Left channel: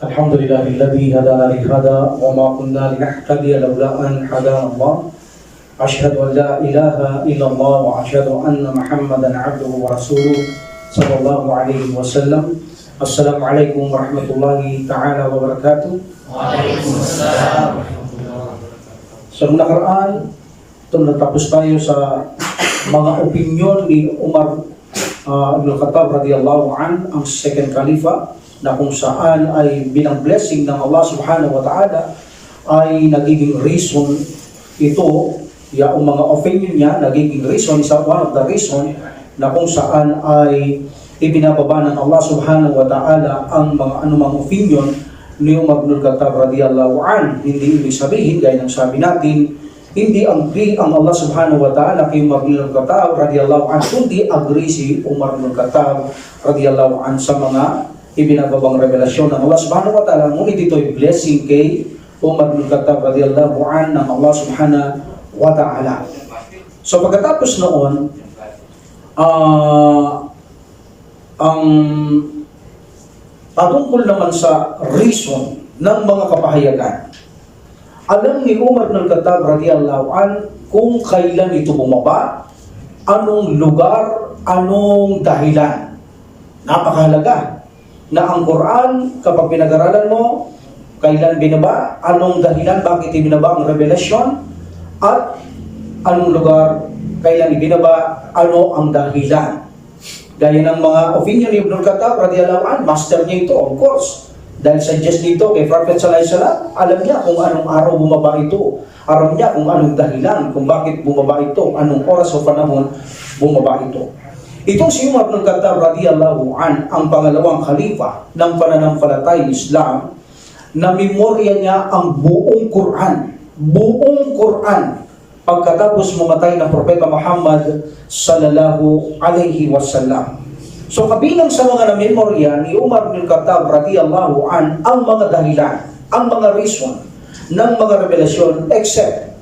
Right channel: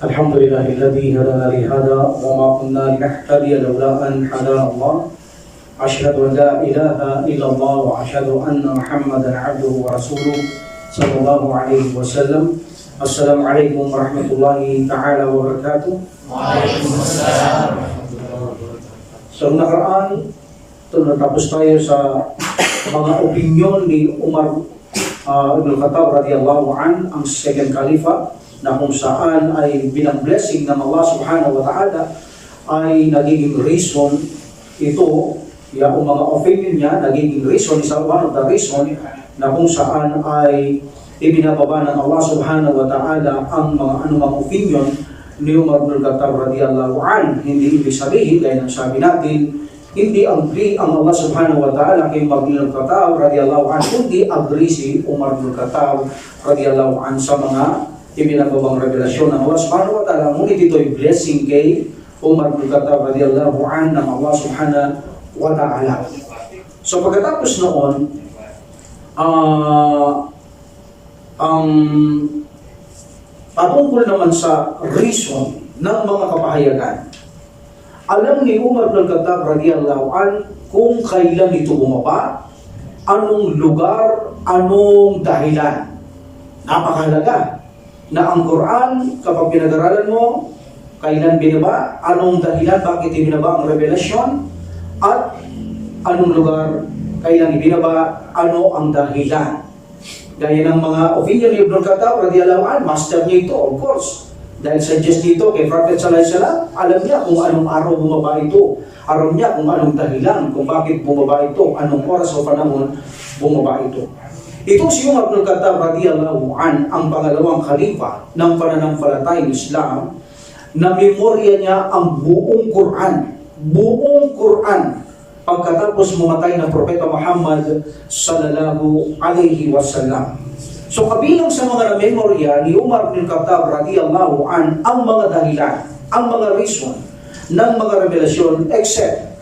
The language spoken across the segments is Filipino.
الحمد لله الذي هدانا لهذا وما كنا لنهتدي لولا أن هدانا الله أشهد أن لا إله إلا الله وأشهد أن محمدا عبده ورسوله صلى الله عليه وسلم. السلام عليكم ورحمة الله تعالى وبركاته. Waalaikumsalam. Sa nakaraan, natapos tayo sa mga opinyon ni Umar Ibn Khattab radiyallahu an, ang second khalifa, na kung saan ay binang blessing ng Allah subhanahu wa ta'ala ay nagiging reason ito, yung mga opinion niya, nagiging reason, isa one of the reason na kung saan ay ibinababa ng Allah subhanahu wa ta'ala ang mga anumang opinion ni Umar ibn Khattab radiyallahu an. Hindi ibig sabihin, gaya ng sabi natin, hindi agree ang Allah subhanahu wa ta'ala kay Umar ibn Khattab radiyallahu an, kundi agree si Umar ibn Khattab radiyallahu an sa mga ibinababang revelasyon ng Allah subhanahu wa ta'ala. Ngunit ito'y blessing kay Umar ibn Khattab radiyallahu an ng Allah subhanahu wa ta'ala. So pagkatapos noon, ang patungkol naman sa reason ng mga kapahayagan, alam ni Umar ibn Khattab radiyallahu an kung kailan ito bumaba, anong lugar, anong dahilan. Napakahalaga na ang Quran, kapag pinag-aralan mo, kailan binaba, anong dahilan, bakit ibinaba ang revelasyon, at anong lugar, kailan ibinaba, ano ang dahilan. Gaya ng mga opinion ni Ibn Khattab radiyallahu an, master niya ito, of course. Dahil suggest nito kay Prophet sallallahu alaihi wasallam, alam niya kung anong araw bumaba ito, alam niya kung anong dahilan, kung bakit bumaba ito, anong oras o panahon bumaba ito. Itong si Umar ibn Khattab radiyallahu an, ang pangalawang khalifa ng pananampalatayang Islam, na memorya niya ang buong Quran pagkatapos mamatay ng Propeta Muhammad sallallahu alaihi wasallam. So kabilang sa mga na-memorya ni Umar ibn Khattab radiyallahu an ang mga dahilan, ang mga reason ng mga revelasyon, except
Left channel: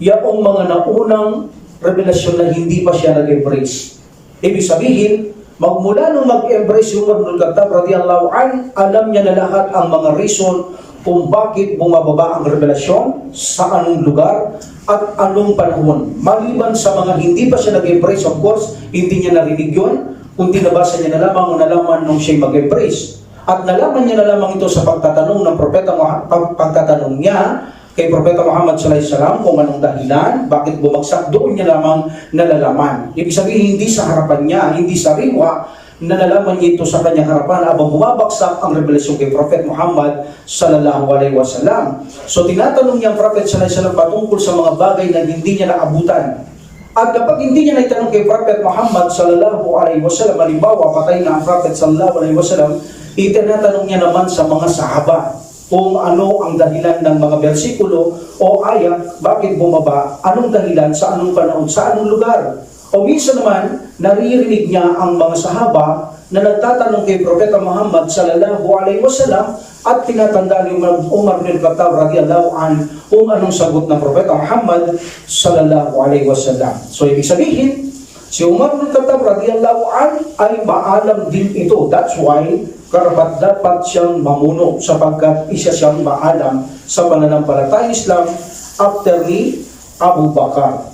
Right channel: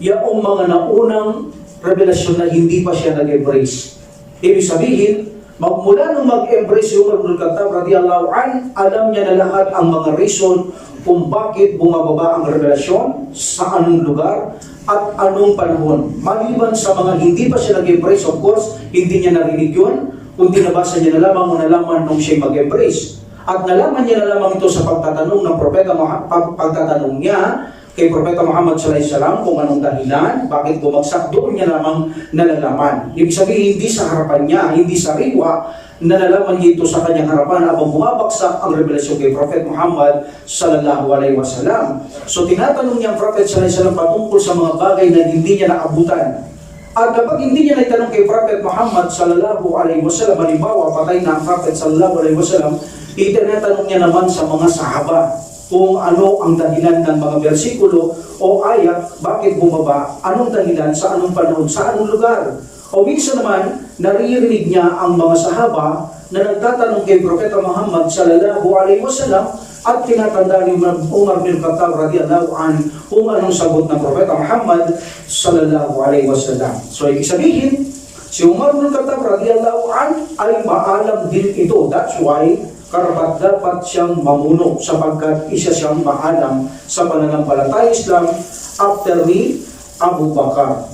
yaong mga naunang revelasyon na hindi pa siya nag-embrace. Ibig sabihin, magmula nung mag-embrace si Umar ibn Khattab radiyallahu an, alam niya na lahat ang mga reason kung bakit bumababa ang revelasyon, sa anong lugar, at anong panahon. Maliban sa mga hindi pa siya nag-embrace, of course, hindi niya narinig yun, kundi nabasa niya na lamang o nalaman nung siya mag-embrace. At nalaman niya na lamang ito sa pagtatanong ng propeta, pagtatanong niya kay Propeta Muhammad sallallahu alaihi wasallam kung anong dahilan, bakit bumagsak, doon niya lamang nalalaman. Ibig sabihin, hindi sa harapan niya, hindi sa riwa, nalalaman niya ito sa kanyang harapan habang bumabagsak ang revelasyon kay Prophet Muhammad sallallahu alaihi wasallam. So tinatanong niya ang Prophet sallallahu alaihi wasallam patungkol sa mga bagay na hindi niya naabutan. At kapag hindi niya naitanong kay Prophet Muhammad sallallahu alaihi wasallam, halimbawa patay na ang Prophet sallallahu alaihi wasallam, itinatanong niya naman sa mga sahaba kung ano ang dahilan ng mga bersikulo o ayat, bakit bumaba, anong dahilan, sa anong panahon, sa anong lugar. O minsan naman, naririnig niya ang mga sahaba na nagtatanong kay Propeta Muhammad sallallahu alaihi wasallam at tinatanda ni Umar bin Khattab radiyallahu an kung anong sagot ng Propeta Muhammad sallallahu alaihi wasallam. So ibig sabihin, si Umar bin Khattab radiyallahu an ay maalam din ito. That's why karapat-dapat siyang mamuno sapagkat isa siyang maalam sa pananampalatayang Islam after ni Abu Bakar.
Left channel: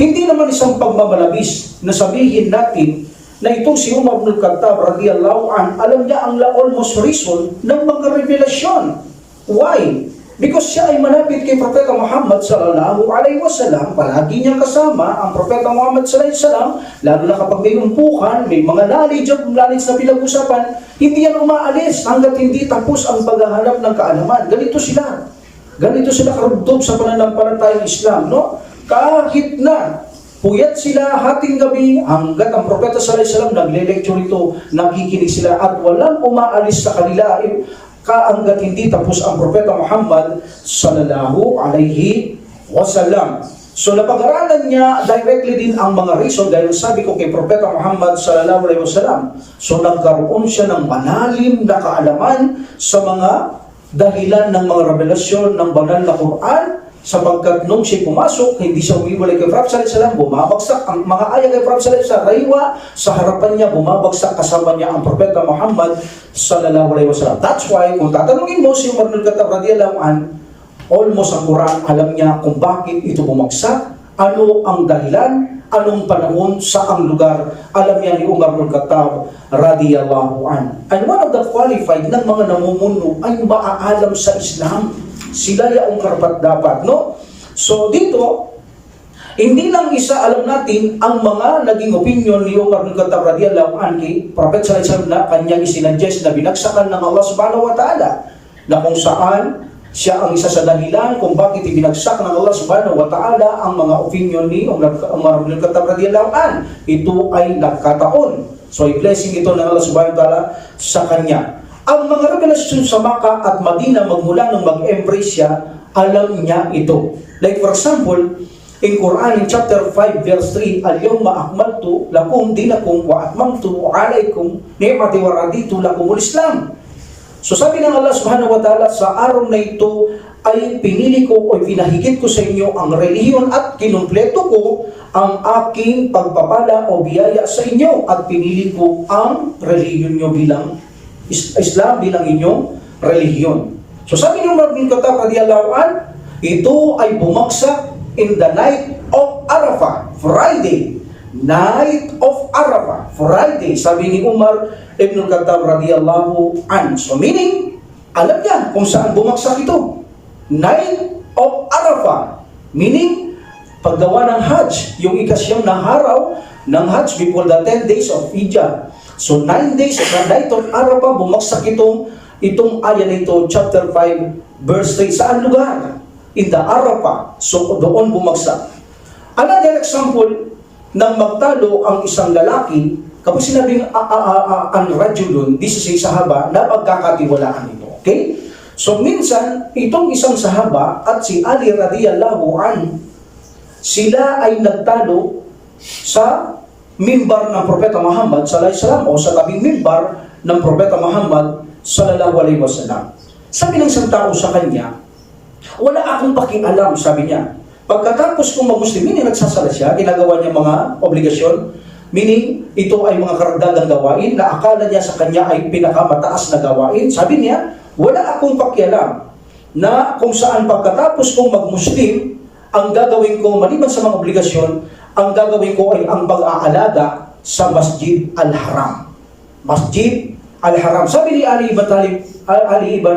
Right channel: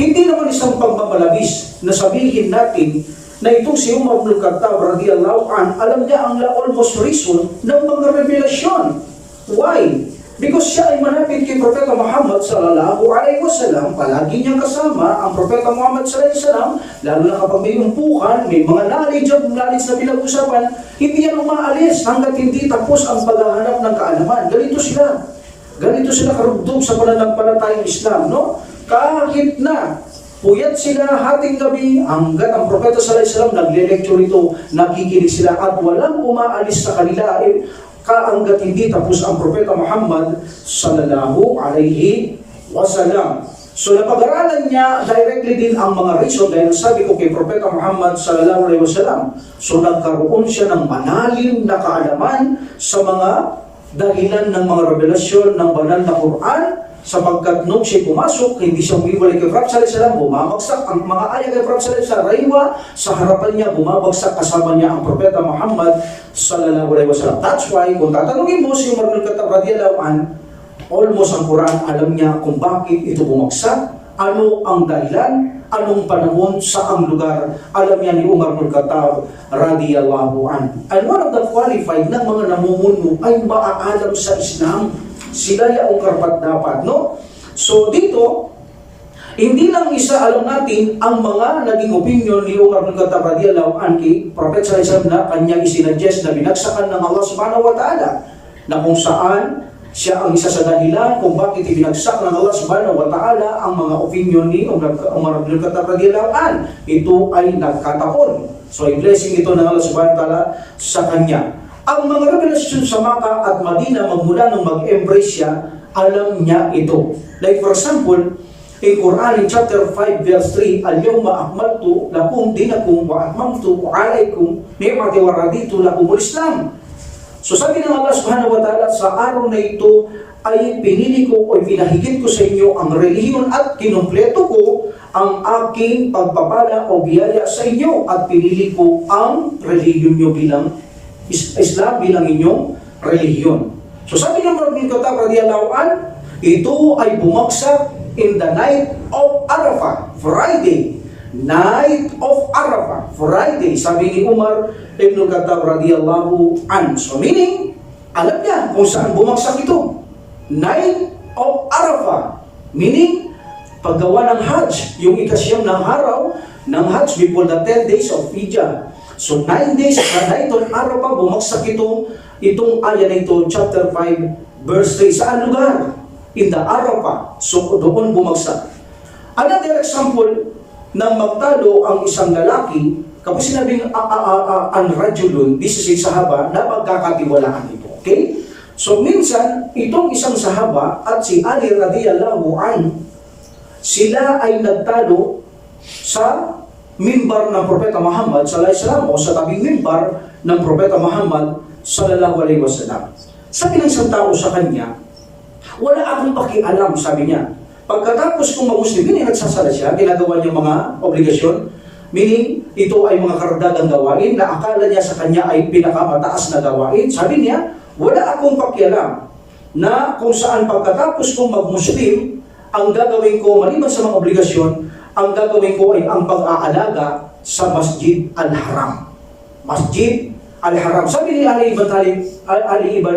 Hindi naman isang pagmamalabis na sabihin natin na itong si Umar ibn Khattab radiyallahu an, alam niya ang almost reason ng mga revelasyon. Why? Because siya ay malapit kay Propeta Muhammad sallallahu alaihi wasallam, palagi niyang kasama ang Propeta Muhammad sallallahu alaihi wasallam, lalo na kapag may umpukan, may mga knowledge na pinag-usapan, hindi yan umaalis hanggat hindi tapos ang paghahanap ng kaalaman. Ganito sila karugtog sa pananampalatayang Islam, no? Kahit na puyat sila hating gabi, hanggat ang Propeta sallallahu alaihi wasallam nagle-lecture ito, nakikinig sila at walang umaalis sa kanila hanggat hindi tapos ang Propeta Muhammad sallallahu alaihi wasallam. So napag-aralan niya directly din ang mga reason, dahil sabi ko kay Propeta Muhammad sallallahu alaihi wasallam. So nagkaroon siya ng malalim na kaalaman sa mga dahilan ng mga revelasyon ng banal na Quran sapagkat nung siya pumasok, hindi siya umiwalay kay Prophet sallallahu alaihi wasallam, bumabagsak ang mga ayah kay Prophet sallallahu alaihi wasallam, raywa sa harapan niya, bumabagsak kasama niya ang Propeta Muhammad sallallahu alaihi wasallam. That's why, kung tatanungin mo si Umar bin Khattab radhiyallahu an, almost ang Quran, alam niya kung bakit ito bumagsak, ano ang dahilan, anong panahon, saang lugar, alam niya ni Umar bin Khattab radhiyallahu an. And one of the qualified ng mga namumuno ay maaalam sa Islam. Sila yaong karapat-dapat, no? So dito, hindi lang isa alam natin ang mga naging opinion ni Umar bin Khattab radhiyallahu anhu kay Prophet sallallahu alaihi wasallam na kanyang isinuggest na binagsakan ng Allah subhanahu wa ta'ala, na kung saan siya ang isa sa dahilan kung bakit ibinagsak ng Allah subhanahu wa ta'ala ang mga opinion ni Umar bin Khattab radhiyallahu anhu. Ito ay nagkataon. So ay blessing ito ng Allah subhanahu wa ta'ala sa kanya. Ang mga revelasyon sa Makkah at Madina magmula nung mag-embrace siya, alam niya ito. Like for example, in Quran in chapter 5 verse 3, Al-yawma akmaltu lakum dinakum wa atmamtu alaykum ni'mati wa raditu lakumul Islam. So sabi ng Allah subhanahu wa ta'ala, sa araw na ito ay pinili ko o pinahigit ko sa inyo ang relihiyon at kinumpleto ko ang aking pagpapala o biyaya sa inyo at pinili ko ang relihiyon nyo bilang Islam bilang inyong relihiyon. So sabi ng Umar bin Khattab radhiyallahu an, ito ay bumagsak in the night of Arafah, Friday. Night of Arafah, Friday. Sabi ni Umar ibn Khattab radhiyallahu an. So meaning, alam niya kung saan bumagsak ito. Night of Arafah. Meaning, paggawa ng Hajj, yung ikasyam na araw ng Hajj before the 10 days of Hijjah. So 9 days sa night of Arafah, bumagsak itong aya na ito, chapter 5, verse 3. Saan lugar? In the Arafah. So doon bumagsak. Another example ng magtalo ang isang lalaki, kapag sinabing ang rajulun, this is a sahaba, na pagkakatiwalaan ito. Okay? So minsan, itong isang sahaba at si Ali radhiyallahu anhu, sila ay nagtalo sa mimbar ng Propeta Muhammad sallallahu alaihi wasallam o sa tabing mimbar ng Propeta Muhammad sallallahu alaihi wasallam. Sabi ng isang tao sa kanya, wala akong pakialam, sabi niya. Pagkatapos kong mag-Muslimin, nagsasala siya, ginagawa niya mga obligasyon, meaning ito ay mga karagdagang gawain na akala niya sa kanya ay pinakamataas na gawain. Sabi niya, wala akong pakialam na kung saan pagkatapos kong mag-Muslim, ang gagawin ko, maliban sa mga obligasyon, ang gagawin ko ay ang pag-aalaga sa Masjid Al-Haram. Masjid Al-Haram. Sabi ni Ali ibn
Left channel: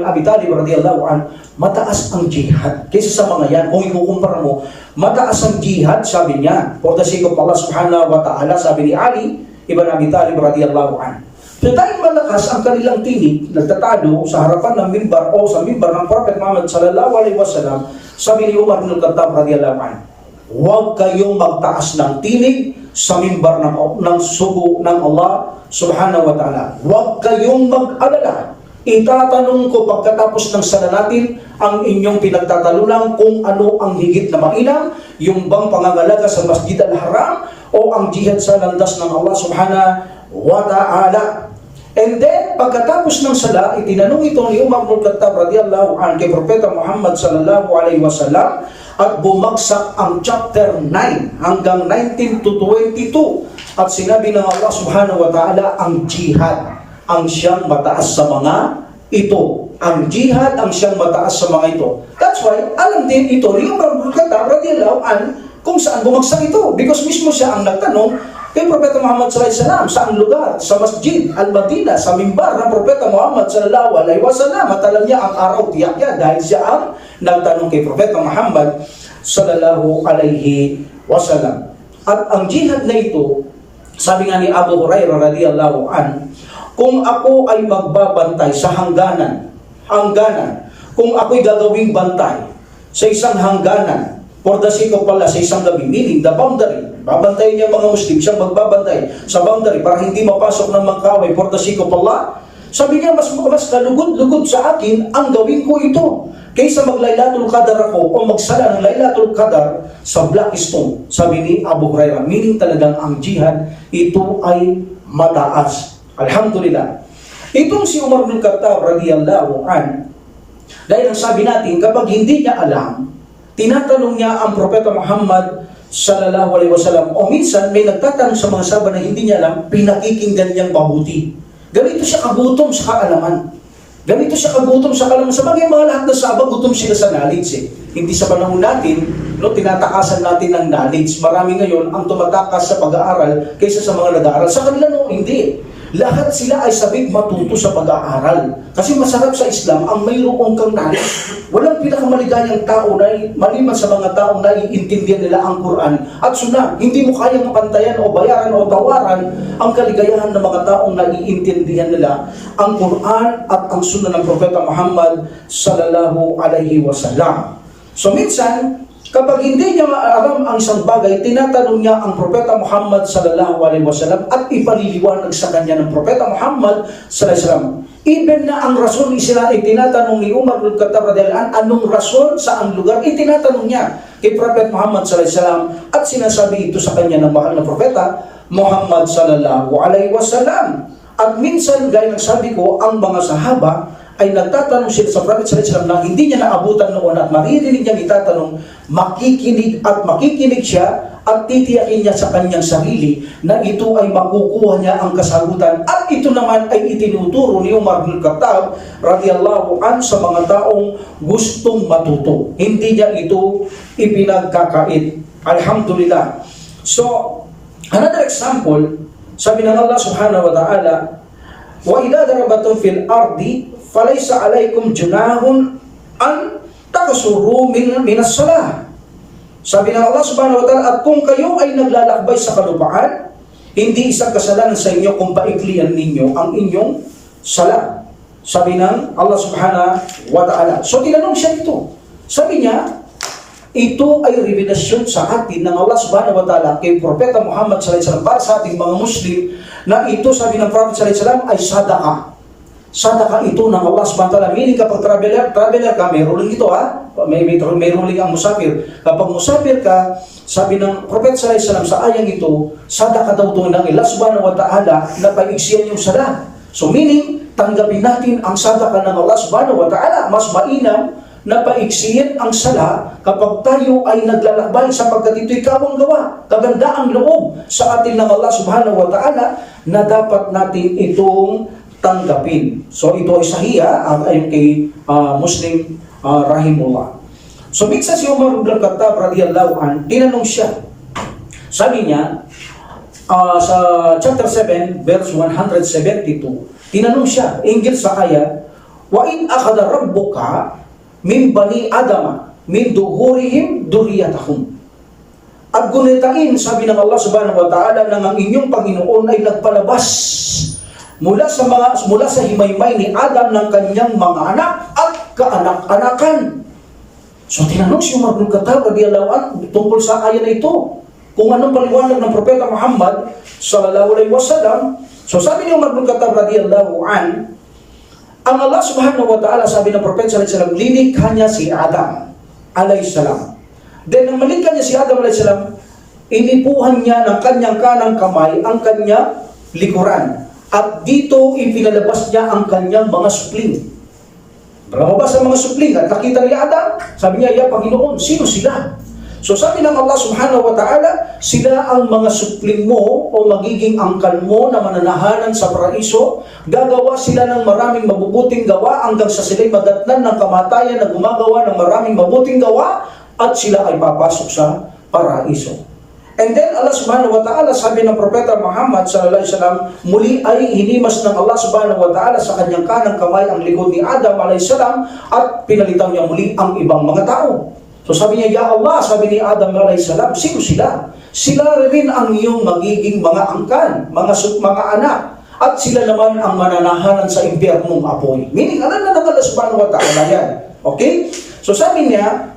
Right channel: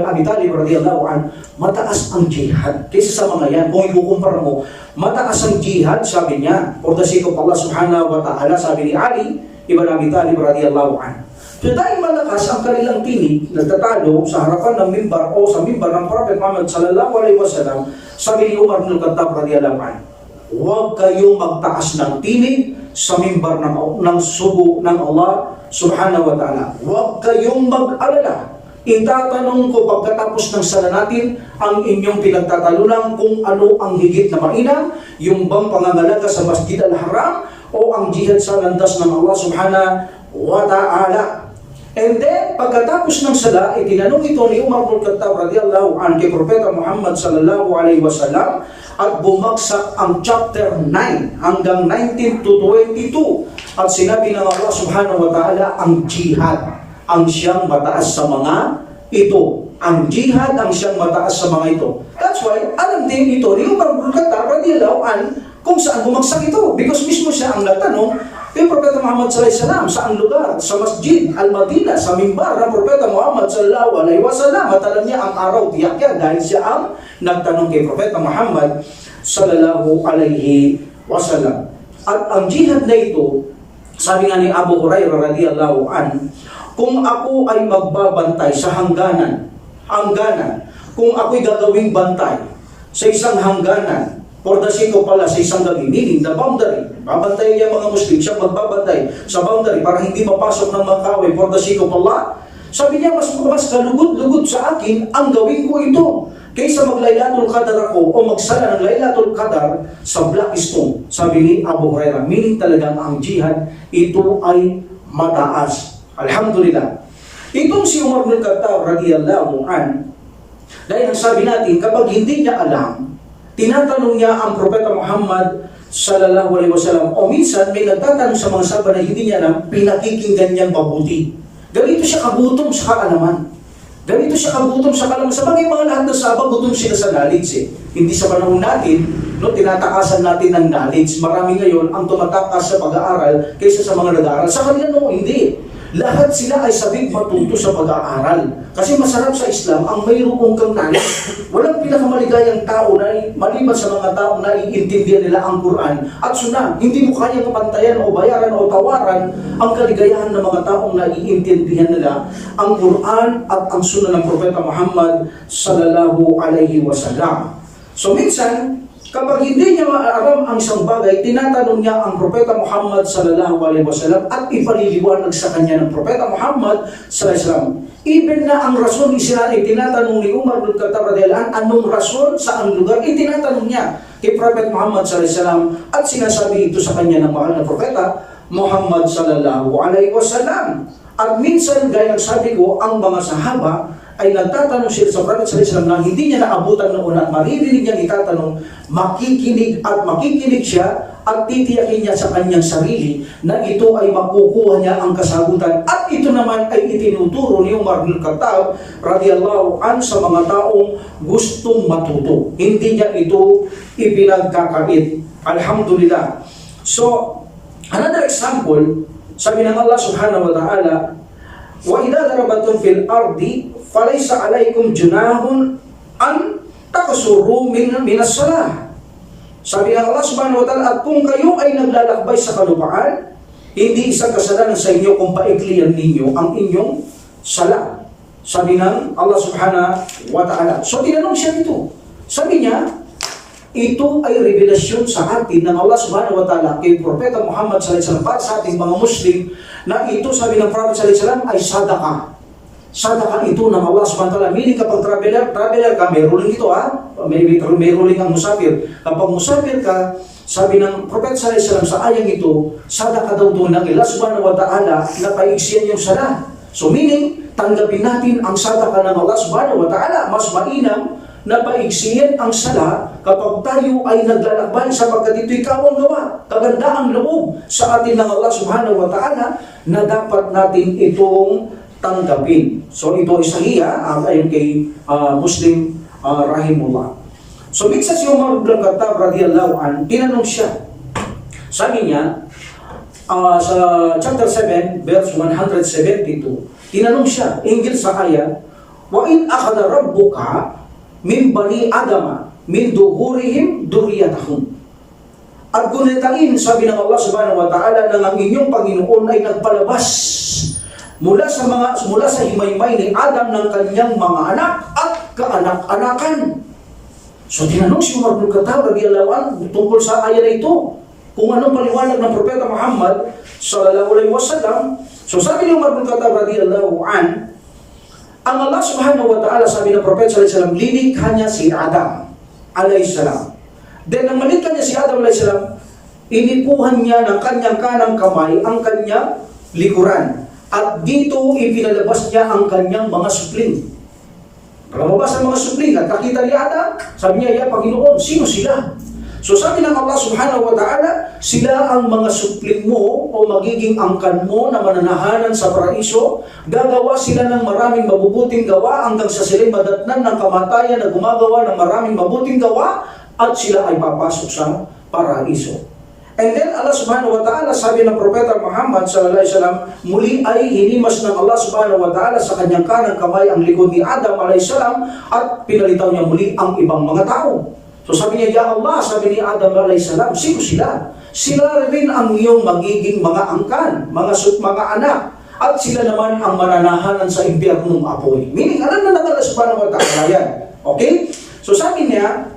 Abi Talib radhiyallahu an, mataas ang jihad kaysa sa mga yan. Kung ikukumpara mo, mataas ang jihad, sabi niya, for the sake of Allah subhanahu wa ta'ala, sabi ni Ali ibn Abi Talib radhiyallahu an. So dahil malakas ang kanilang tinig, nagtatalo sa harapan ng mimbar o sa mimbar ng Prophet Muhammad sallallahu alaihi wasallam, sabi ni Umar bin Khattab radhiyallahu an, huwag kayong magtaas ng tinig sa mimbar ng sugo ng Allah subhanahu wa ta'ala. Huwag kayong mag-alala. Itatanong ko pagkatapos ng sala natin ang inyong pinagtatalunan kung ano ang higit na mainam, yung bang pangangalaga sa Masjid Al-Haram o ang jihad sa landas ng Allah subhanahu wa ta'ala. And then, pagkatapos ng sala, itinanong ito ni Umar bin Khattab radhiyallahu anhu kay Propeta Muhammad sallallahu alaihi wasallam at bumagsak ang chapter 9 hanggang 19 to 22. At sinabi ng Allah subhanahu wa ta'ala, ang jihad ang siyang mataas sa mga ito. Ang jihad ang siyang mataas sa mga ito. That's why, alam din ito ni Umar bin Khattab radhiyallahu anhu kung saan bumagsak ito. Because mismo siya ang nagtanong kay Propeta Muhammad sallallahu alaihi wasallam, saang lugar? Sa Masjid Al-Madinah, sa mimbar ng Propeta Muhammad sallallahu alaihi wasallam. At alam niya ang araw, tiyak niya dahil siya ang nagtanong kay Propeta Muhammad sallallahu alaihi wasallam. At ang jihad na ito, sabi nga ni Abu Hurairah radhiyallahu an, kung ako ay magbabantay sa hangganan, kung ako'y gagawing bantay sa isang hangganan, for the sake of Allah, sa isang gabi, meaning the boundary, babantayin niya mga Muslim, siyang magbabantay sa boundary para hindi mapasok ng mga kaway for the sake of Allah. Sabi niya, mas kalugod-lugod sa akin ang gawin ko ito kaysa mag-Laylatul Qadar ako o magsala ng Laylatul Qadar sa Blackstone. Sabi ni Abu Hurairah, meaning talagang ang jihad, ito ay mataas. Alhamdulillah. Itong si Umar bin Khattab radhiyallahu an, dahil ang sabi natin, kapag hindi niya alam tinatanong niya ang Propeta Muhammad sallallahu alaihi wasallam, o minsan may nagtatanong sa mga sahaba na hindi niya alam, pinakikinggan niyang mabuti. Ganito siya kagutom sa kaalaman. Ganito siya kagutom sa kaalaman. Sa bagay mga lahat ng sahaba, gutom sila sa knowledge eh. Hindi sa panahon natin, no, tinatakasan natin ng knowledge. Marami ngayon ang tumatakas sa pag-aaral kaysa sa mga nag-aaral. Sa kanila no, hindi. Lahat sila ay sabik matuto sa pag-aaral. Kasi masarap sa Islam ang mayroong kang knowledge. Walang pinakamaligayang tao na maliban sa mga taong naiintindihan nila ang Quran at Sunnah. Hindi mo kayang pantayan o bayaran o tawaran ang kaligayahan ng mga taong naiintindihan nila ang Quran at ang Sunnah ng Propeta Muhammad sallallahu alaihi wasallam. So minsan, kapag hindi niya maaram ang isang bagay, tinatanong niya ang Propeta Muhammad sallallahu alaihi wasallam at ipaliliwanag sa kanya ng Propeta Muhammad sallallahu alaihi wasallam. Even na ang rason ay tinatanong ni Umar bin Khattab radhiyallahu anhu, anong rason, saan lugar, itinatanong niya kay Propeta Muhammad sallallahu alaihi wasallam at sinasabi ito sa kanya ng mahal na Propeta Muhammad sallallahu alaihi wasallam. At minsan, gaya ng sabi ko, ang mga sahaba ay nagtatanong sila sa Prophet sallallahu alaihi wasallam na hindi niya naabutan noon at maririnig niya itatanong, makikinig siya at titiyakin niya sa kanyang sarili na ito ay makukuha niya ang kasagutan. At ito naman ay itinuturo ni Umar bin Khattab radhiyallahu an sa mga taong gustong matuto. Hindi niya ito ipinagkakait. Alhamdulillah. So, another example, sabi ng Allah subhanahu wa ta'ala, wa idha darabatum fil ardi falaysa alaykum junahun an takasuru minas salah. Sabi ng Allah subhanahu wa ta'ala, at kung kayo ay naglalakbay sa kalupaan, hindi isang kasalanan sa inyo kung paiklian ninyo ang inyong sala. Sabi ng Allah subhanahu wa ta'ala. So tinanong siya ito. Sabi niya, ito ay revelasyon sa atin ng Allah subhanahu wa ta'ala kay Propeta Muhammad sallallahu alaihi wasallam para sa ating mga Muslim na ito, sabi ng Prophet sallallahu alaihi wasallam, ay sadaqah. Sadaqah ito ng Allah subhanahu wa ta'ala. Meaning kapag traveler ka, may ruling ito ha. May ruling ang musafir. Kapag musafir ka, sabi ng Prophet sallallahu alaihi wasallam sa ayang ito, sadaqah daw ito ng Allah subhanahu wa ta'ala na paiksiyan yung sala. So meaning, tanggapin natin ang sadaqah ng Allah subhanahu wa ta'ala. Mas mainam na paiksiyan ang sala kapag tayo ay naglalakbay sapagkat ito'y kawang-gawa. Kaganda ang loob sa atin ng Allah subhanahu wa ta'ala na dapat natin itong tanggapin. So ito ay sahiha ayon kay Muslim rahimullah. So minsan si Umar bin Khattab radhiyallahu an, tinanong siya. Sabi niya sa chapter 7 verse 172, tinanong siya hinggil sa ayat, wa in akhadha rabbuka min bani adama min duhurihim duriyatahum. At gunitain, sabi ng Allah subhanahu wa ta'ala, nang ang inyong Panginoon ay nagpalabas mula sa himaymay ni Adam ng kanyang mga anak at kaanak-anakan. So tinanong si Umar bin Khattab radhiyallahu anhu tungkol sa ayat na ito, kung anong paliwanag ng Propeta Muhammad sallallahu alaihi wasallam. So sabi ni Umar bin Khattab radhiyallahu anhu, ang Allah subhanahu wa ta'ala, sabi ng Propeta sallallahu alaihi wasallam, linikha niya si Adam alaihi salam. Then nang malikha niya si Adam alaihi salam, inipuhan niya ng kanyang kanang kamay ang kanyang likuran. At dito ipinalabas niya ang kanyang mga supling. Lumabas ang mga supling at nakita ni Adam, sabi niya, ya Panginoon, sino sila? So sabi ng Allah subhanahu wa ta'ala, sila ang mga supling mo o magiging angkan mo na mananahanan sa paraiso. Gagawa sila ng maraming mabubuting gawa hanggang sa sila'y madatnan ng kamatayan na gumagawa ng maraming mabuting gawa at sila ay papasok sa paraiso. And then Allah subhanahu wa ta'ala, sabi ng Propeta Muhammad sallallahu alaihi wasallam, muli ay hinimas ng Allah subhanahu wa ta'ala sa kanyang kanang kamay ang likod ni Adam alaihi salam at pinalitaw niya muli ang ibang mga tao. So sabi niya, ya Allah, sabi ni Adam alaihi salam, sino sila? Sila rin ang iyong magiging mga angkan, mga anak, at sila naman ang mananahanan sa impyernong apoy. Meaning, alam na ng Allah subhanahu wa ta'ala yan. Okay? So sabi niya,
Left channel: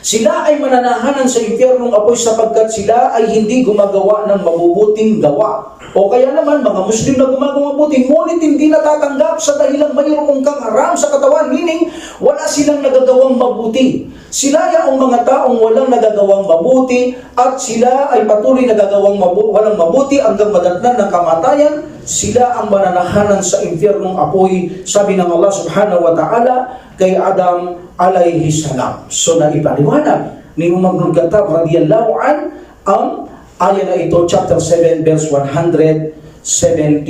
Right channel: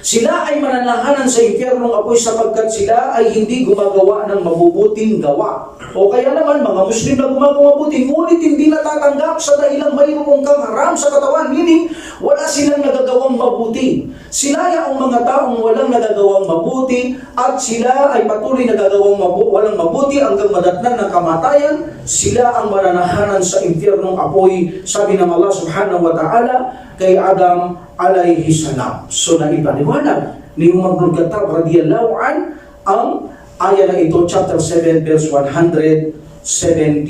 sila ay mananahanan sa impyernong apoy sapagkat sila ay hindi gumagawa ng mabubuting gawa. O kaya naman, mga Muslim na gumagawa mabuti, ngunit hindi natatanggap sa dahilang mayroong kang haram sa katawan. Meaning, wala silang nagagawang mabuti. Sila yung mga taong walang nagagawang mabuti at sila ay patuloy nagagawang walang mabuti hanggang madatnan ng kamatayan. Sila ang mananahanan sa impyernong apoy, sabi ng Allah subhanahu wa ta'ala. kay Adam alayhi salam. So naipaliwanag ni Umar bin Khattab radiyallahu an ang aya na ito, chapter 7 verse 172.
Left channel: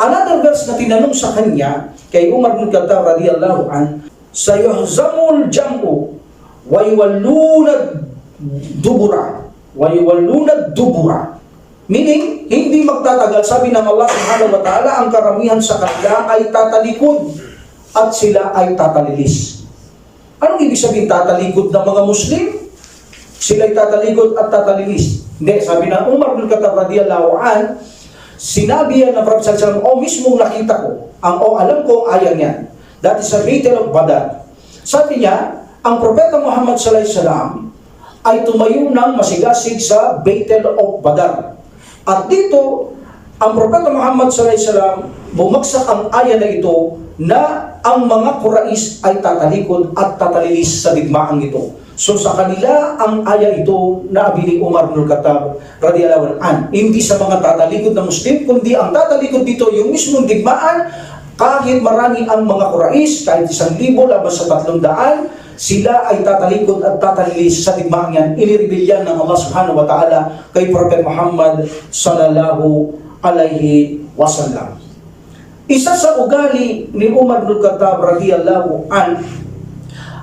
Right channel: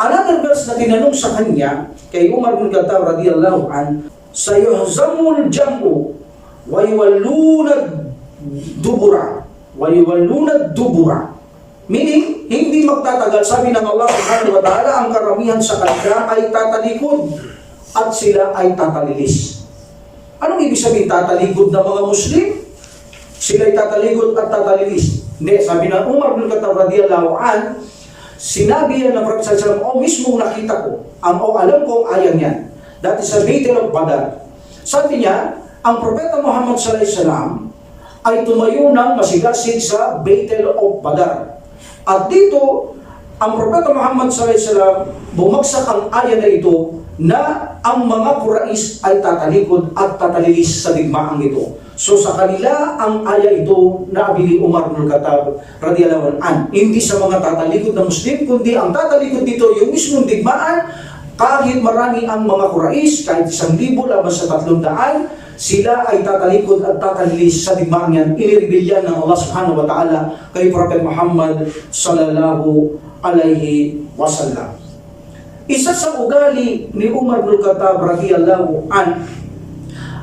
Another verse na tinanong sa kanya kay Umar bin Khattab radiyallahu an, sayuhzamul jam'u wa yuwalluna dubura wa yuwalluna dubura. Meaning, hindi magtatagal, sabi ng Allah subhanahu wa ta'ala, ang karamihan sa kanila ay tatalikod at sila ay tatalilis. Anong ibig sabihin tatalikod ng mga Muslim? Sila'y tatalikod at tatalilis. Hindi, sabi ng Umar bin Khattab radiyallahu an, sinabi yan ng Prophet sallallahu alaihi wasallam, mismong nakita ko, alam ko ang ayang yan. That is a Battle of Badr. Sabi niya, ang Propeta Muhammad sallallahu alaihi wasallam ay tumayo ng masigasig sa Battle of Badr. At dito, ang Propeta Muhammad sallallahu alaihi wasallam, bumagsak ang aya na ito na ang mga Quraysh ay tatalikod at tatalilis sa digmaang ito. So sa kanila, ang aya ito na abini Umar bin Khattab radiyallahu anhu, hindi sa mga tatalikod na Muslim, kundi ang tatalikod dito yung mismong digmaan. Kahit marami ang mga Quraysh, kahit 1,000 laban sa 300, sila ay tatalikod at tatalilis sa digmaang yan. Inirebilyan ng Allah subhanahu wa ta'ala kay Prophet Muhammad sallallahu alaihi wasallam. Isa sa ugali ni Umar bin Khattab radiyallahu anhu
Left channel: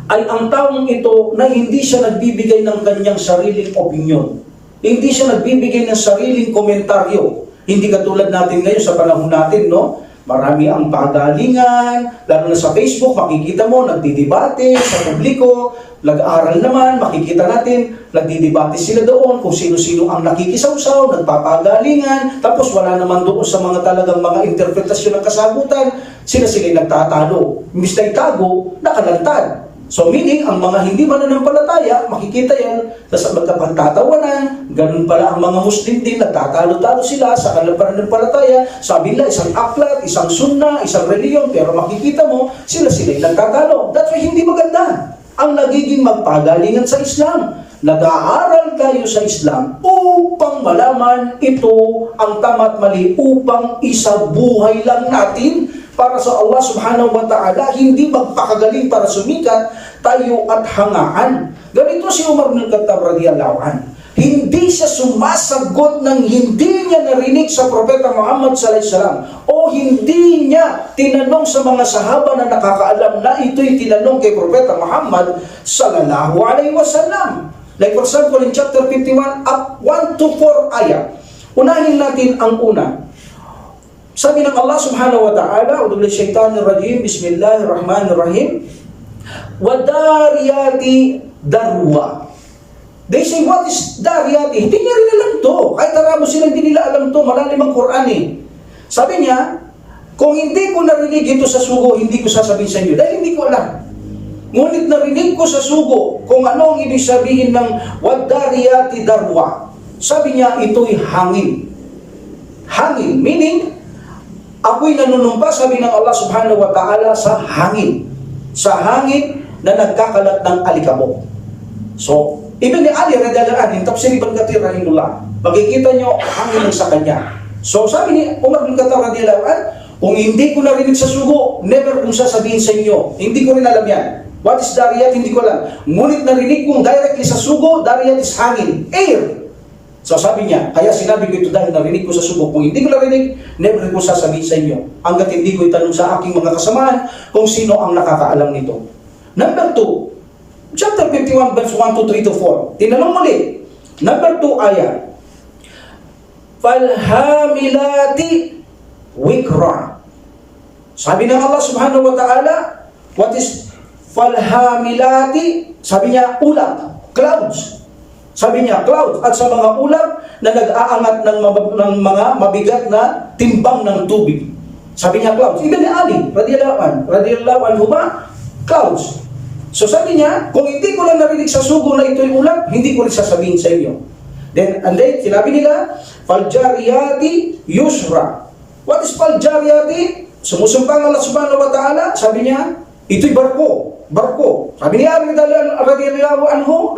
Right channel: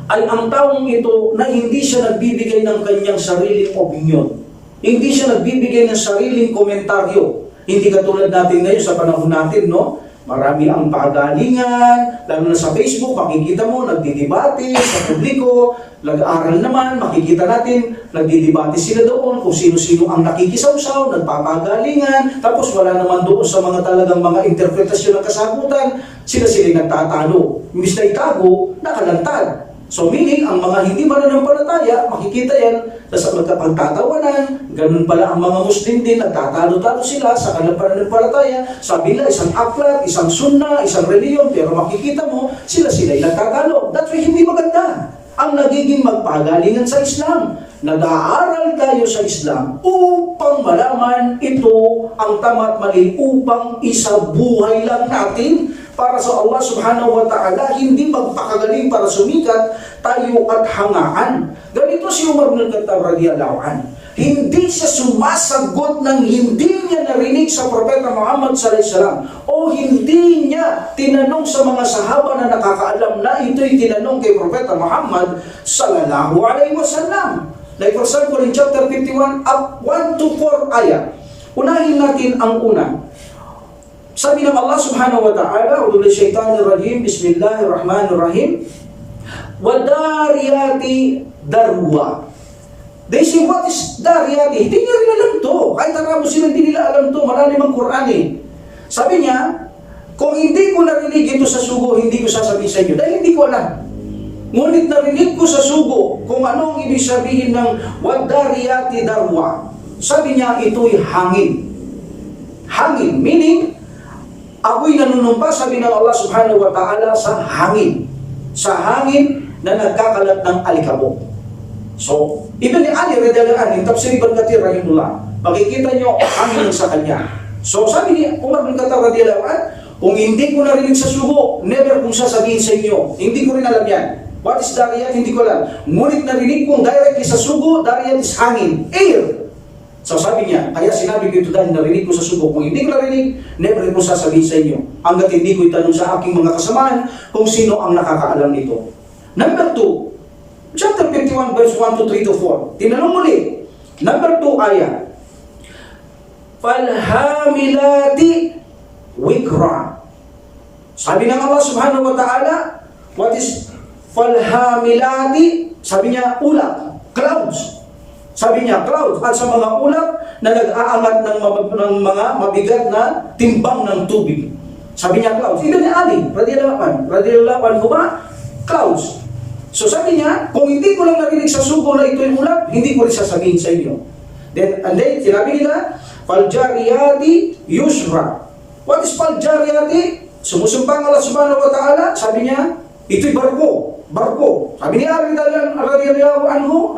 ay ang taong ito na hindi siya nagbibigay ng kanyang sariling opinion. Hindi siya nagbibigay ng sariling komentaryo. Hindi katulad natin ngayon sa panahon natin, no? Marami ang pagalingan, lalo na sa Facebook, makikita mo, nagdidebate sa publiko, nag-aaral naman, makikita natin, nagdidebate sila doon, kung sino-sino ang nakikisawsaw, nagpapagalingan, tapos wala naman doon sa mga talagang mga interpretasyon ng kasagutan, sila-sila nagtatalo. Imbis na itago, nakalantad. So meaning, ang mga hindi mananampalataya, makikita yan, sa magkapagtatawanan, ganun pala ang mga Muslim din, nagtatalo-talo sila sa kanilang pananampalataya, sabi nila, isang aklat, isang sunna, isang reliyon, pero makikita mo, sila-sila'y nagtatalo. That's why hindi maganda ang nagiging magpagalingan sa Islam. Nag-aaral tayo sa Islam upang malaman ito ang tama at mali, upang isabuhay lang natin para sa Allah subhanahu wa ta'ala, hindi magpakagaling para sumikat tayo at hangaan. Ganito si Umar bin Khattab radiyallahu anhu. Hindi siya sumasagot ng hindi niya narinig sa Propeta Muhammad sallallahu alaihi wasallam, o hindi niya tinanong sa mga sahaba na nakakaalam na ito'y tinanong kay Propeta Muhammad sallallahu alaihi wasallam. Like for example, in chapter 51, up 1 to 4 ayat. Unahin natin ang una. Sabi ng Allah subhanahu wa ta'ala, A'udhu billahi syaitanir rajim, Bismillahirrahmanirrahim, Wadariyati darwa. They say, what is dariyati? Hindi niya rin alam to. Kahit arabo sila, hindi nila alam to. Malalim ang Quran eh. Sabi niya, kung hindi ko narinig ito sa sugo, hindi ko sasabihin sa inyo. Dahil hindi ko alam. Ngunit narinig ko sa sugo kung ano ang ibig sabihin ng wadariyati darwa. Sabi niya, ito'y hangin. Hangin, meaning, ako'y nanunumpa, sabi ng Allah subhanahu wa ta'ala, sa hangin. Sa hangin na nagkakalat ng alikabok. So, Ibn Ali radhiyallahu anhu, Tafsir Ibn Kathir rahimahullah, makikita nyo hangin sa kanya. So, sabi ni Umar bin Khattab radhiyallahu anhu, kung hindi ko narinig sa sugo, never kong sasabihin sa inyo. Hindi ko rin alam yan. What is dariyat? Hindi ko alam. Ngunit narinig kong directly sa sugo, dariyat is hangin, air. So sabi niya, kaya sinabi ko ito dahil narinig ko sa sugo. Kung hindi ko narinig, never ko sasabihin sa inyo. Hanggat hindi ko itanong sa aking mga kasamaan kung sino ang nakakaalam nito. Number 2, chapter 51, verse 1 to 3 to 4. Tinanong muli. Number 2 ayat. Falhamilati wikra. Sabi ng Allah subhanahu wa ta'ala, what is falhamilati? Sabi niya, ulap, clouds. Sabi niya, clouds, at sa mga ulap na nag-aangat ng mga mabigat na timbang ng tubig. Sabi niya, clouds. Ibn Ali, radiyallahu anhu ba? Clouds. So sabi niya, kung hindi ko lang narinig sa sugo na ito'y ulap, hindi ko rin sasabihin sa inyo. And then, sinabi nila, faljariyati yusra. What is faljariyati? Sumusumpang Allah subhanahu wa ta'ala, sabi niya, ito'y barko. Barko. Sabi niya, radiyallahu anhu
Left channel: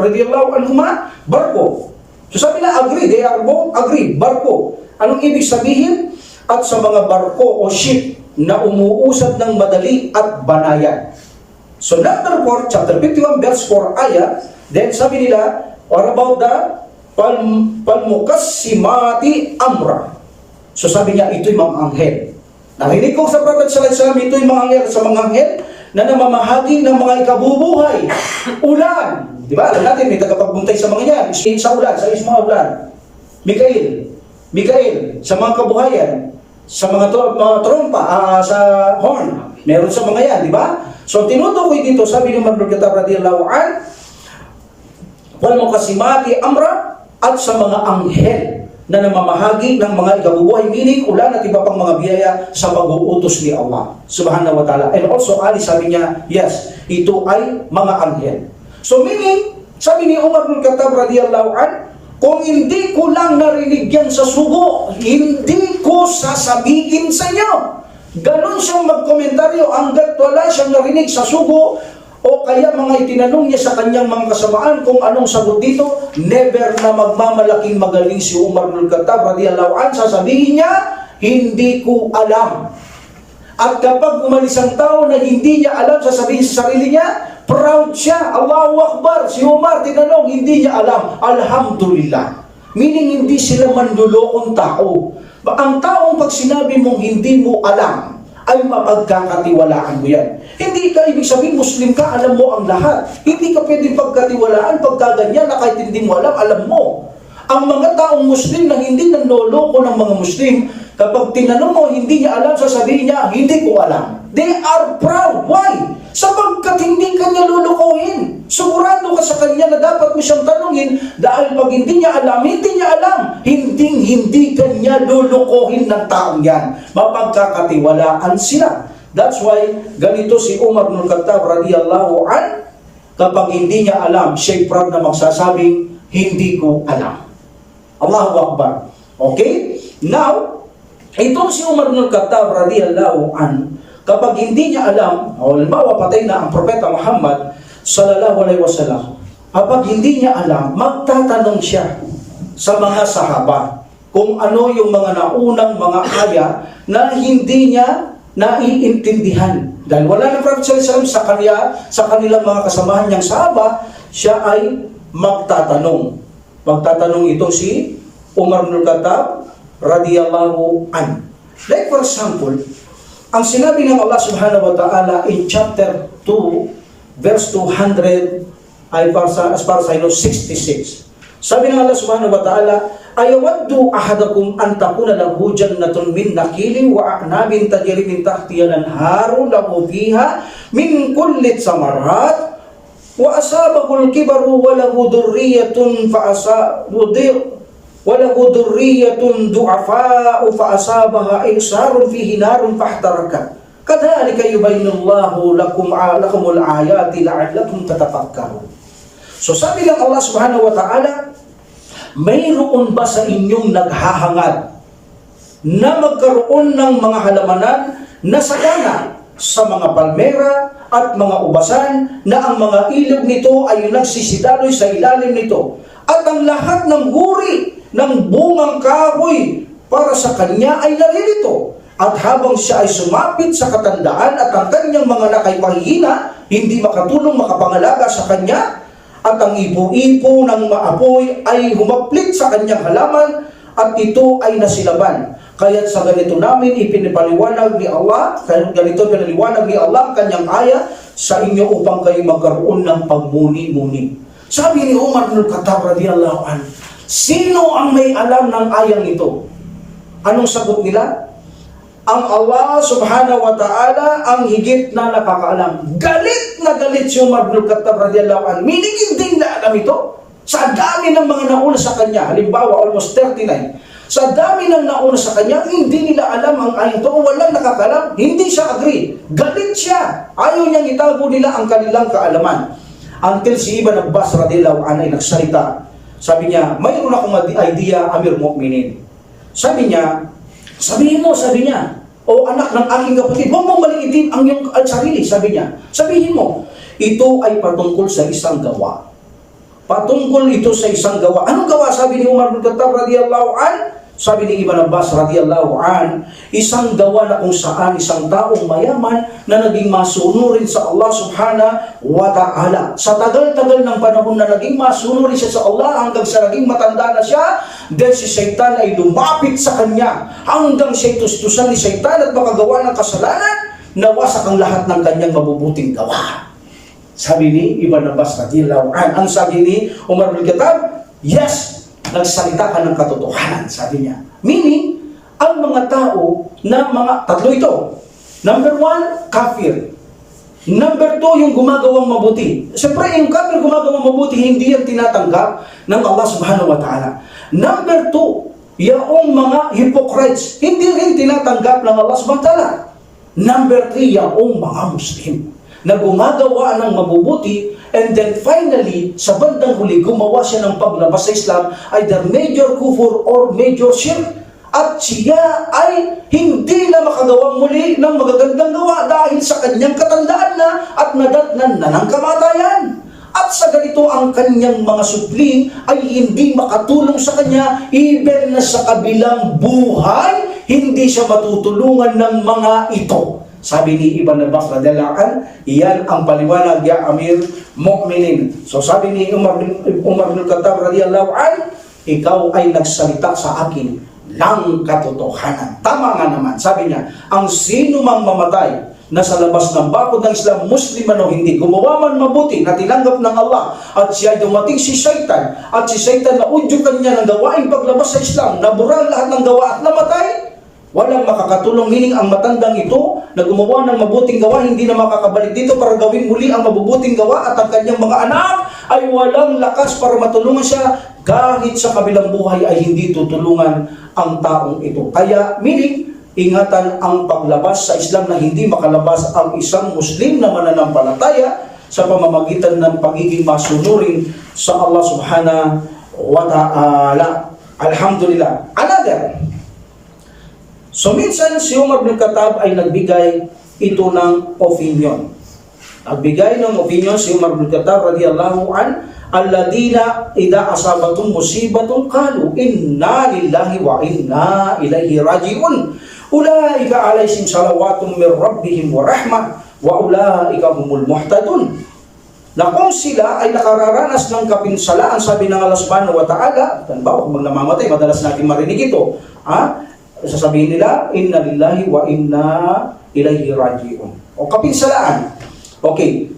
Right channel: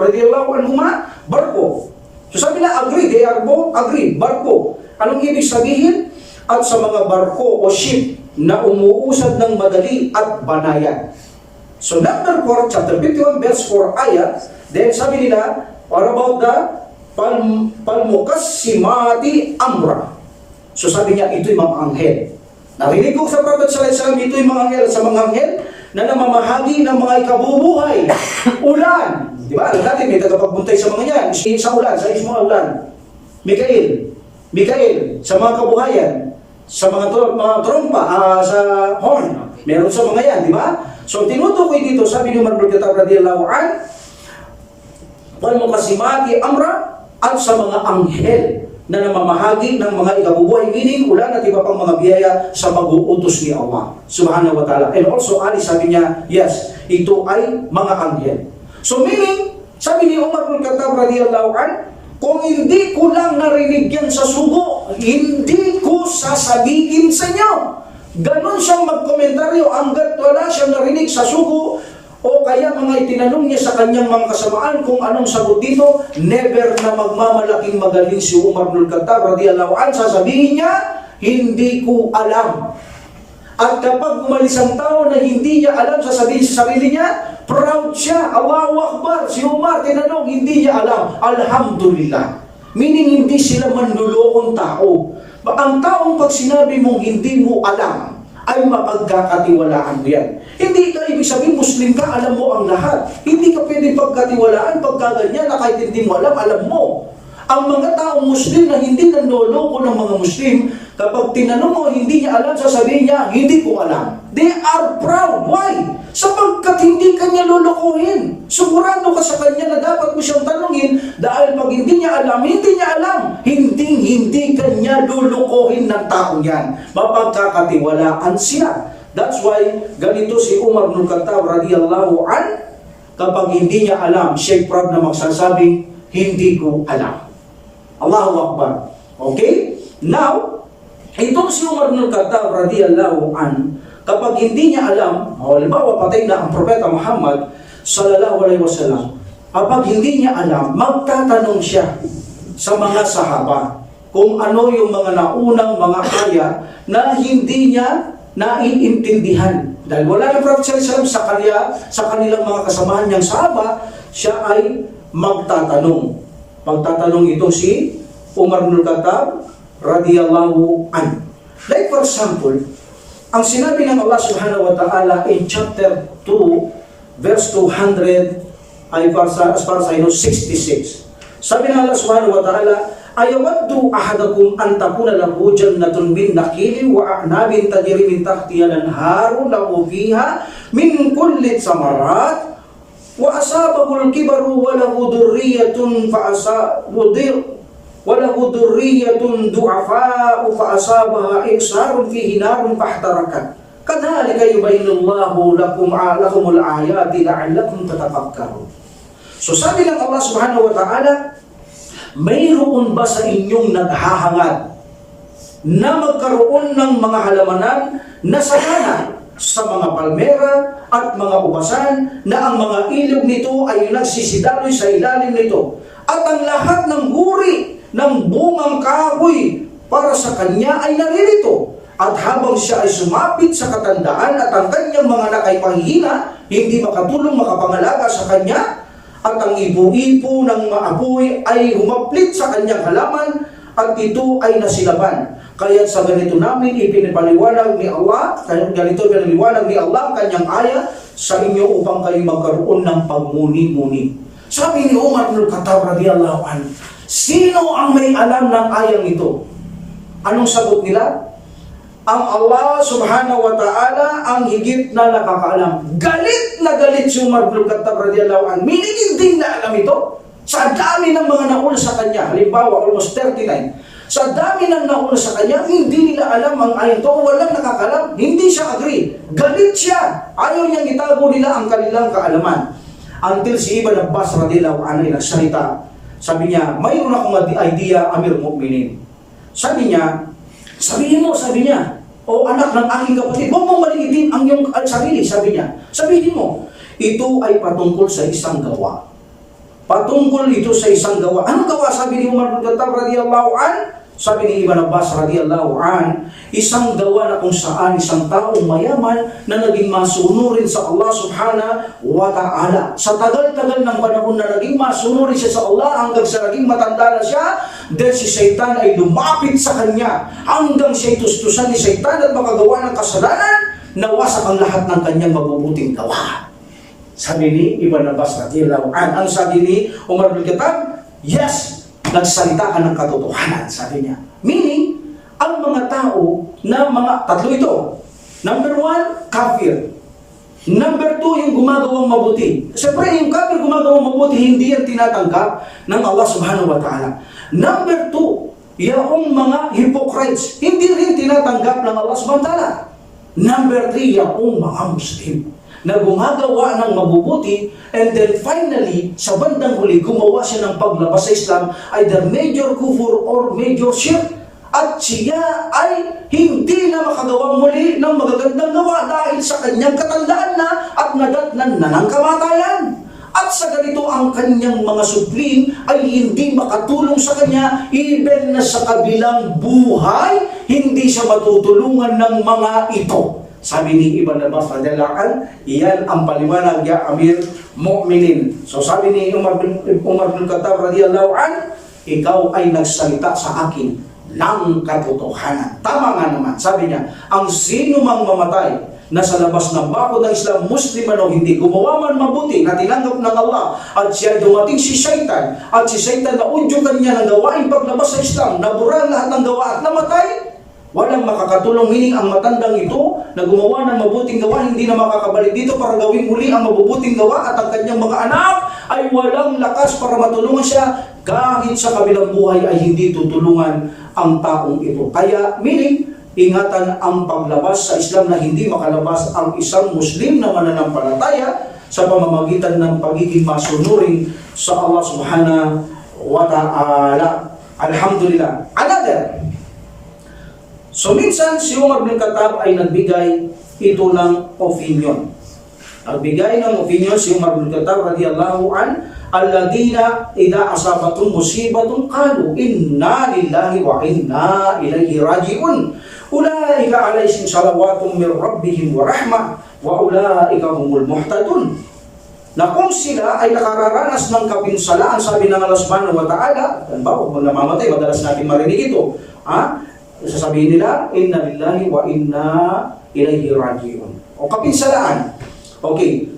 ma, barko. So sabi na, agree, they are both agree, barko. Anong ibig sabihin? At sa mga barko o ship na umuusad ng madali at banayan. So number 4, chapter 51, verse 4 ayat, then sabi nila, what about the palmukassimati amra? So sabi niya, ito'y mga anghel. Narinig ko sa Prophet sallallahu alaihi wasallam, ito'y mga anghel, sa mga anghel na namamahagi ng mga ikabubuhay. Ulan. Di ba? Alam natin, may tagapagbuntay sa mga yan. Sa ulan, sa mga ulan. Mikael, sa mga kabuhayan, sa mga trompa, sa horn. Meron sa mga yan, di ba? So, tinutukoy dito, sabi ni Umar bin Khattab radiyallahu an, wal muqassimati amra, at sa mga anghel na namamahagi ng mga ikabubuhay, meaning ulan at iba pang mga biyaya sa pag-uutos ni Allah subhanahu wa ta'ala. And also, Ali sabi niya, yes, ito ay mga anghel. So meaning, sabi ni Umar bin Khattab radiyallahu an, kung hindi ko lang narinig yan sa sugo, hindi ko sasabihin sa inyo. Ganon siyang magkomentaryo hanggat wala siyang narinig sa sugo o kaya mga itinanong niya sa kanyang mga kasamaan kung anong sagot dito. Never na magmamalaking magaling si Umar bin Khattab radiyallahu an, sasabihin niya, hindi ko alam. At kapag umalis ang tao na hindi niya alam, sasabihin sa sarili niya, proud siya, Allahu Akbar. Si Umar, tinanong, hindi niya alam. Alhamdulillah. Meaning, hindi sila manlulokong tao. Ang taong pag sinabi mong hindi mo alam, ay mapagkakatiwalaan mo yan. Hindi ka ibig sabihin, Muslim ka, alam mo ang lahat. Hindi ka pwedeng pagkatiwalaan, pagkaganyan na kahit hindi mo alam, alam mo. Ang mga taong Muslim na hindi nanloloko ng mga Muslim, kapag tinanong mo, hindi niya alam, sasabihin niya, hindi ko alam. They are proud. Why? Sapagkat hindi kanya lulukuhin. Sigurado ka sa kanya na dapat mo siyang tanungin dahil pag hindi niya alam, hindi niya alam. Hindi kanya lulukuhin ng taong yan. Mapagkakatiwalaan sila. That's why ganito si Umar bin Khattab radiyallahu an, kapag hindi niya alam, siya'y proud na magsasabing, hindi ko alam. Allahu Akbar. Okay? Now, itong si Umar bin Khattab radiyallahu an, kapag hindi niya alam, o halimbawa patay na ang Propeta Muhammad sallallahu alaihi wasallam, kapag hindi niya alam, magtatanong siya sa mga sahaba kung ano yung mga naunang mga ayat na hindi niya naiintindihan. Dahil wala na Prophet sallallahu alaihi wasallam sa kanilang mga kasamahan niyang sahaba, siya ay magtatanong. Magtatanong itong si Umar bin Khattab radiyallahu an. Like for example, ang sinabi ng Allah subhanahu wa ta'ala in chapter 2, verse 200, ay as far as I know, 66. Sabi ng Allah subhanahu wa ta'ala, ayawaddu ahadakum an takuna lahu jannatun min nakhilin wa a'nabin tajri min tahtiha al-anharu lahu fiha min kulli samarat wa asabahu al-kibaru wa lahu dhurriyyatun walahu dhurriyyatun du'afa'u fa'asabaha isarun fihi narun fahtarakat. Kadhalika yubayyinullahu lakumul ayati la'allakum tatafakkarun. So sabi ng Allah subhanahu wa ta'ala, mayroon ba sa inyong naghahangad na magkaroon ng mga halamanan na sagana sa mga palmera at mga ubasan na ang mga ilog nito ay nagsisidaloy sa ilalim nito at ang lahat ng huri ng bungang kahoy para sa kanya ay naririto. At habang siya ay sumapit sa katandaan at ang kanyang mga anak ay mahihina, hindi makatulong makapangalaga sa kanya, at ang ipo-ipo ng maapoy ay humaplit sa kanyang halaman at ito ay nasilaban. Kaya't sa ganito namin ipinapaliwanag ni Allah, ganito pinaliwanag ni Allah ang kanyang aya sa inyo upang kayo magkaroon ng pagmuni-muni. Sabi ni Umar bin Khattab radiyallahu anhu, sino ang may alam ng ayang ito? Anong sagot nila? Ang Allah subhanahu wa ta'ala ang higit na nakakaalam. Galit na galit si Umar bin Khattab radiyallahu anhu. Meaning hindi na alam ito. Sa dami ng mga nauna sa kanya, halimbawa almost 39, sa dami ng nauna sa kanya, hindi nila alam ang ayang ito. Walang nakakalam. Hindi siya agree. Galit siya. Ayaw niyang itago nila ang kanilang kaalaman. Until si Ibn Abbas radiyallahu anhu ay nagsalita. Sabi niya, mayroon akong idea, Amir Mu'minin. Sabi niya, sabihin mo, sabi niya, o anak ng aking kapatid, huwag mong maliitin ang iyong sarili, sabi niya. Sabihin mo, ito ay patungkol sa isang gawa. Patungkol ito sa isang gawa. Anong gawa? Sabi ni Umar bin Khattab radiyallahu an, Sabi ni Ibn Abbas radiyallahu an, isang gawa na kung saan isang taong mayaman na naging masunurin sa Allah subhanahu wa ta'ala. Sa tagal-tagal ng panahon na naging masunurin siya sa Allah hanggang sa naging matanda na siya, dahil si Satan ay lumapit sa kanya hanggang siya tustusan ni Satan at makagawa ng kasalanan, nawasak ang lahat ng kanyang mabubuting gawa. Sabi ni Ibn Abbas radiyallahu an, ang sabi ni Umar bin Khattab, yes, nagsalita ka ng katotohanan, sabi niya. Meaning, ang mga tao na tatlo ito. Number 1, kafir. Number 2, yung gumagawang mabuti. Siyempre, yung kafir gumagawang mabuti, hindi yan tinatanggap ng Allah subhanahu wa ta'ala. Number 2, yung mga hypocrites, hindi rin tinatanggap ng Allah subhanahu wa ta'ala. Number 3, yung mga Muslim na gumagawa ng mabubuti, and then finally, sa bandang huli, gumawa siya ng paglabas sa Islam, either major kufur or major shirk, at siya ay hindi na makagawang muli ng magagandang gawa dahil sa kanyang katandaan na at nadatnan na ng kamatayan. At sa ganito ang kanyang mga supling ay hindi makatulong sa kanya, even na sa kabilang buhay, hindi siya matutulungan ng mga ito. Sabi ni Ibn Abbas radhiyallahu an, iyan ang paliwanag ya Amir Mu'minin. So sabi ni Umar bin Khattab radhiyallahu an, ikaw ay nagsalita sa akin ng katotohanan. Tama nga naman. Sabi niya, ang sino mang mamatay na sa labas ng bakod ng Islam, Muslim man o hindi, gumawa man mabuti na tinanggap ng Allah, at siya dumating si Shaitan, at si Shaitan naudyukan niya ng gawaing paglabas sa Islam, nabura ang lahat ng gawa at namatay, walang makakatulong. Meaning, ang matandang ito na gumawa ng mabuting gawa, hindi na makakabalik dito para gawin muli ang mabubuting gawa, at ang kanyang mga anak ay walang lakas para matulungan siya, kahit sa kabilang buhay ay hindi tutulungan ang taong ito. Kaya, meaning, ingatan ang paglabas sa Islam na hindi makalabas ang isang Muslim na mananampalataya sa pamamagitan ng pagiging masunurin sa Allah subhanahu wa ta'ala. Alhamdulillah. Another. So minsan si Umar bin Khattab ay nagbigay ito ng opinion. Nagbigay ng opinion si Umar bin Khattab radiyallahu an, alladina idha asabatum musibatun qalu inna lillahi wa inna ilaihi raji'un. Ulaika alaihim salawatun min rabbihim wa rahmah wa ulaika humul muhtadun. Na kung sila ay nakararanas ng kapinsalaan, sabi ng Allah subhanahu wa ta'ala, halimbawa kung namamatay, madalas natin marinig ito, sasabihin nila, inna lillahi wa inna ilaihi raji'un. O kapinsalaan. Okay.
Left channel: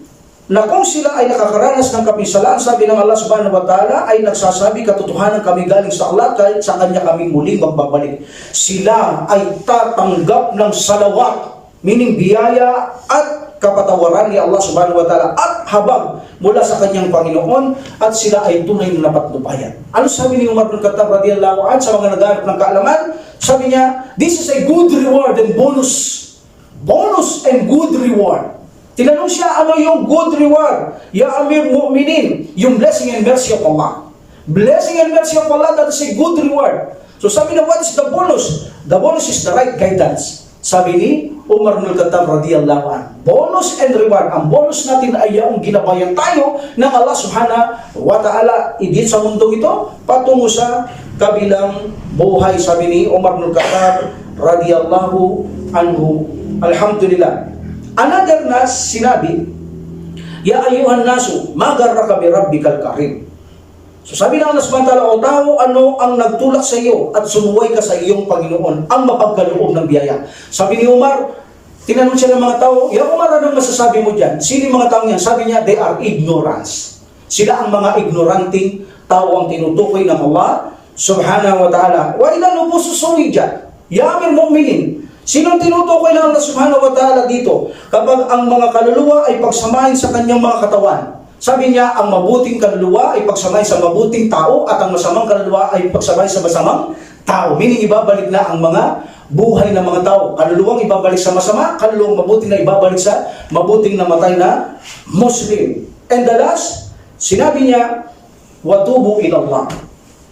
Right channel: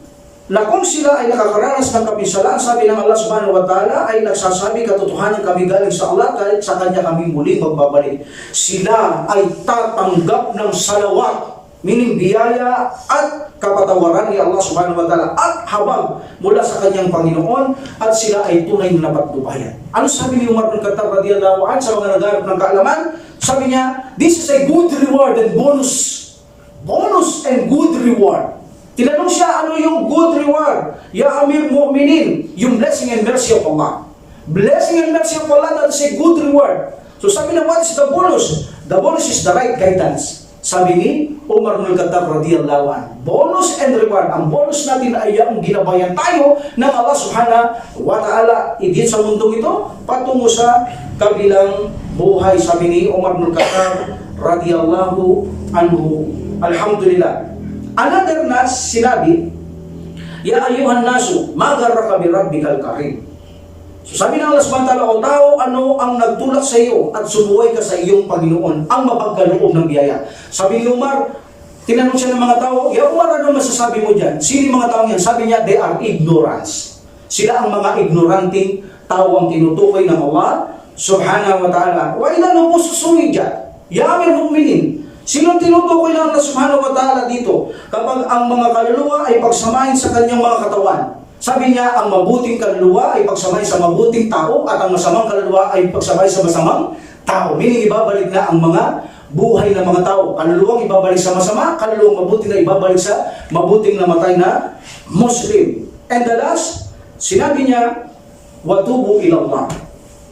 Na kung sila ay nakakaranas ng kapinsalaan, sabi ng Allah subhanahu wa ta'ala, ay nagsasabi, katotohanan kami galing sa Allah, kahit sa Kanya kami muling magbabalik. Sila ay tatanggap ng salawat, meaning biyaya at kapatawaran ni Allah subhanahu wa ta'ala at habag mula sa Kanyang Panginoon, at sila ay tunay na napatnubayan. Ano sabi ni Umar bin Khattab radiyallahu anhu sa mga naghanap ng kaalaman? Sabi niya, this is a good reward and bonus. Bonus and good reward. Tinanong siya, ano yung good reward? Ya Amir Mu'minin, yung blessing and mercy of Allah. Blessing and mercy of Allah, that is a good reward. So sabi na, what is the bonus? The bonus is the right guidance. Sabi ni Umar bin Khattab radiyallahu anhu, bonus and reward. Ang bonus natin ay yung ginabayan tayo ng Allah subhanahu wa ta'ala idin sa mundong ito patungo sa kabilang buhay. Sabi ni Umar bin Khattab radiyallahu anhu. Alhamdulillah. Another na sinabi, ya ayuhan nasu, magarraka bi rabbikal karim. So sabi ng Allah subhanahu wa ta'ala, o tao, ano ang nagtulak sa iyo at sumuway ka sa iyong Panginoon, ang mapagkaloob ng biyaya. Sabi ni Umar, tinanong siya ng mga tao, ya Umar, anong masasabi mo dyan? Sino yung mga taong yan? Sabi niya, they are ignorance. Sila ang mga ignoranting tao ang tinutukoy ng Allah subhanahu wa ta'ala. Wa idha nubususuwi dyan, ya Amir Mu'minin. Sino tinutukoy ng Allah subhanahu wa ta'ala dito? Kapag ang mga kaluluwa ay pagsamahin sa kanyang mga katawan. Sabi niya, ang mabuting kaluluwa ay pagsamahin sa mabuting tao, at ang masamang kaluluwa ay pagsamahin sa masamang tao. Meaning, ibabalik na ang mga buhay ng mga tao. Kaluluwang ibabalik sa masama, kaluluwang mabuting na ibabalik sa mabuting namatay na Muslim. And the last, sinabi niya, watubu ilallah,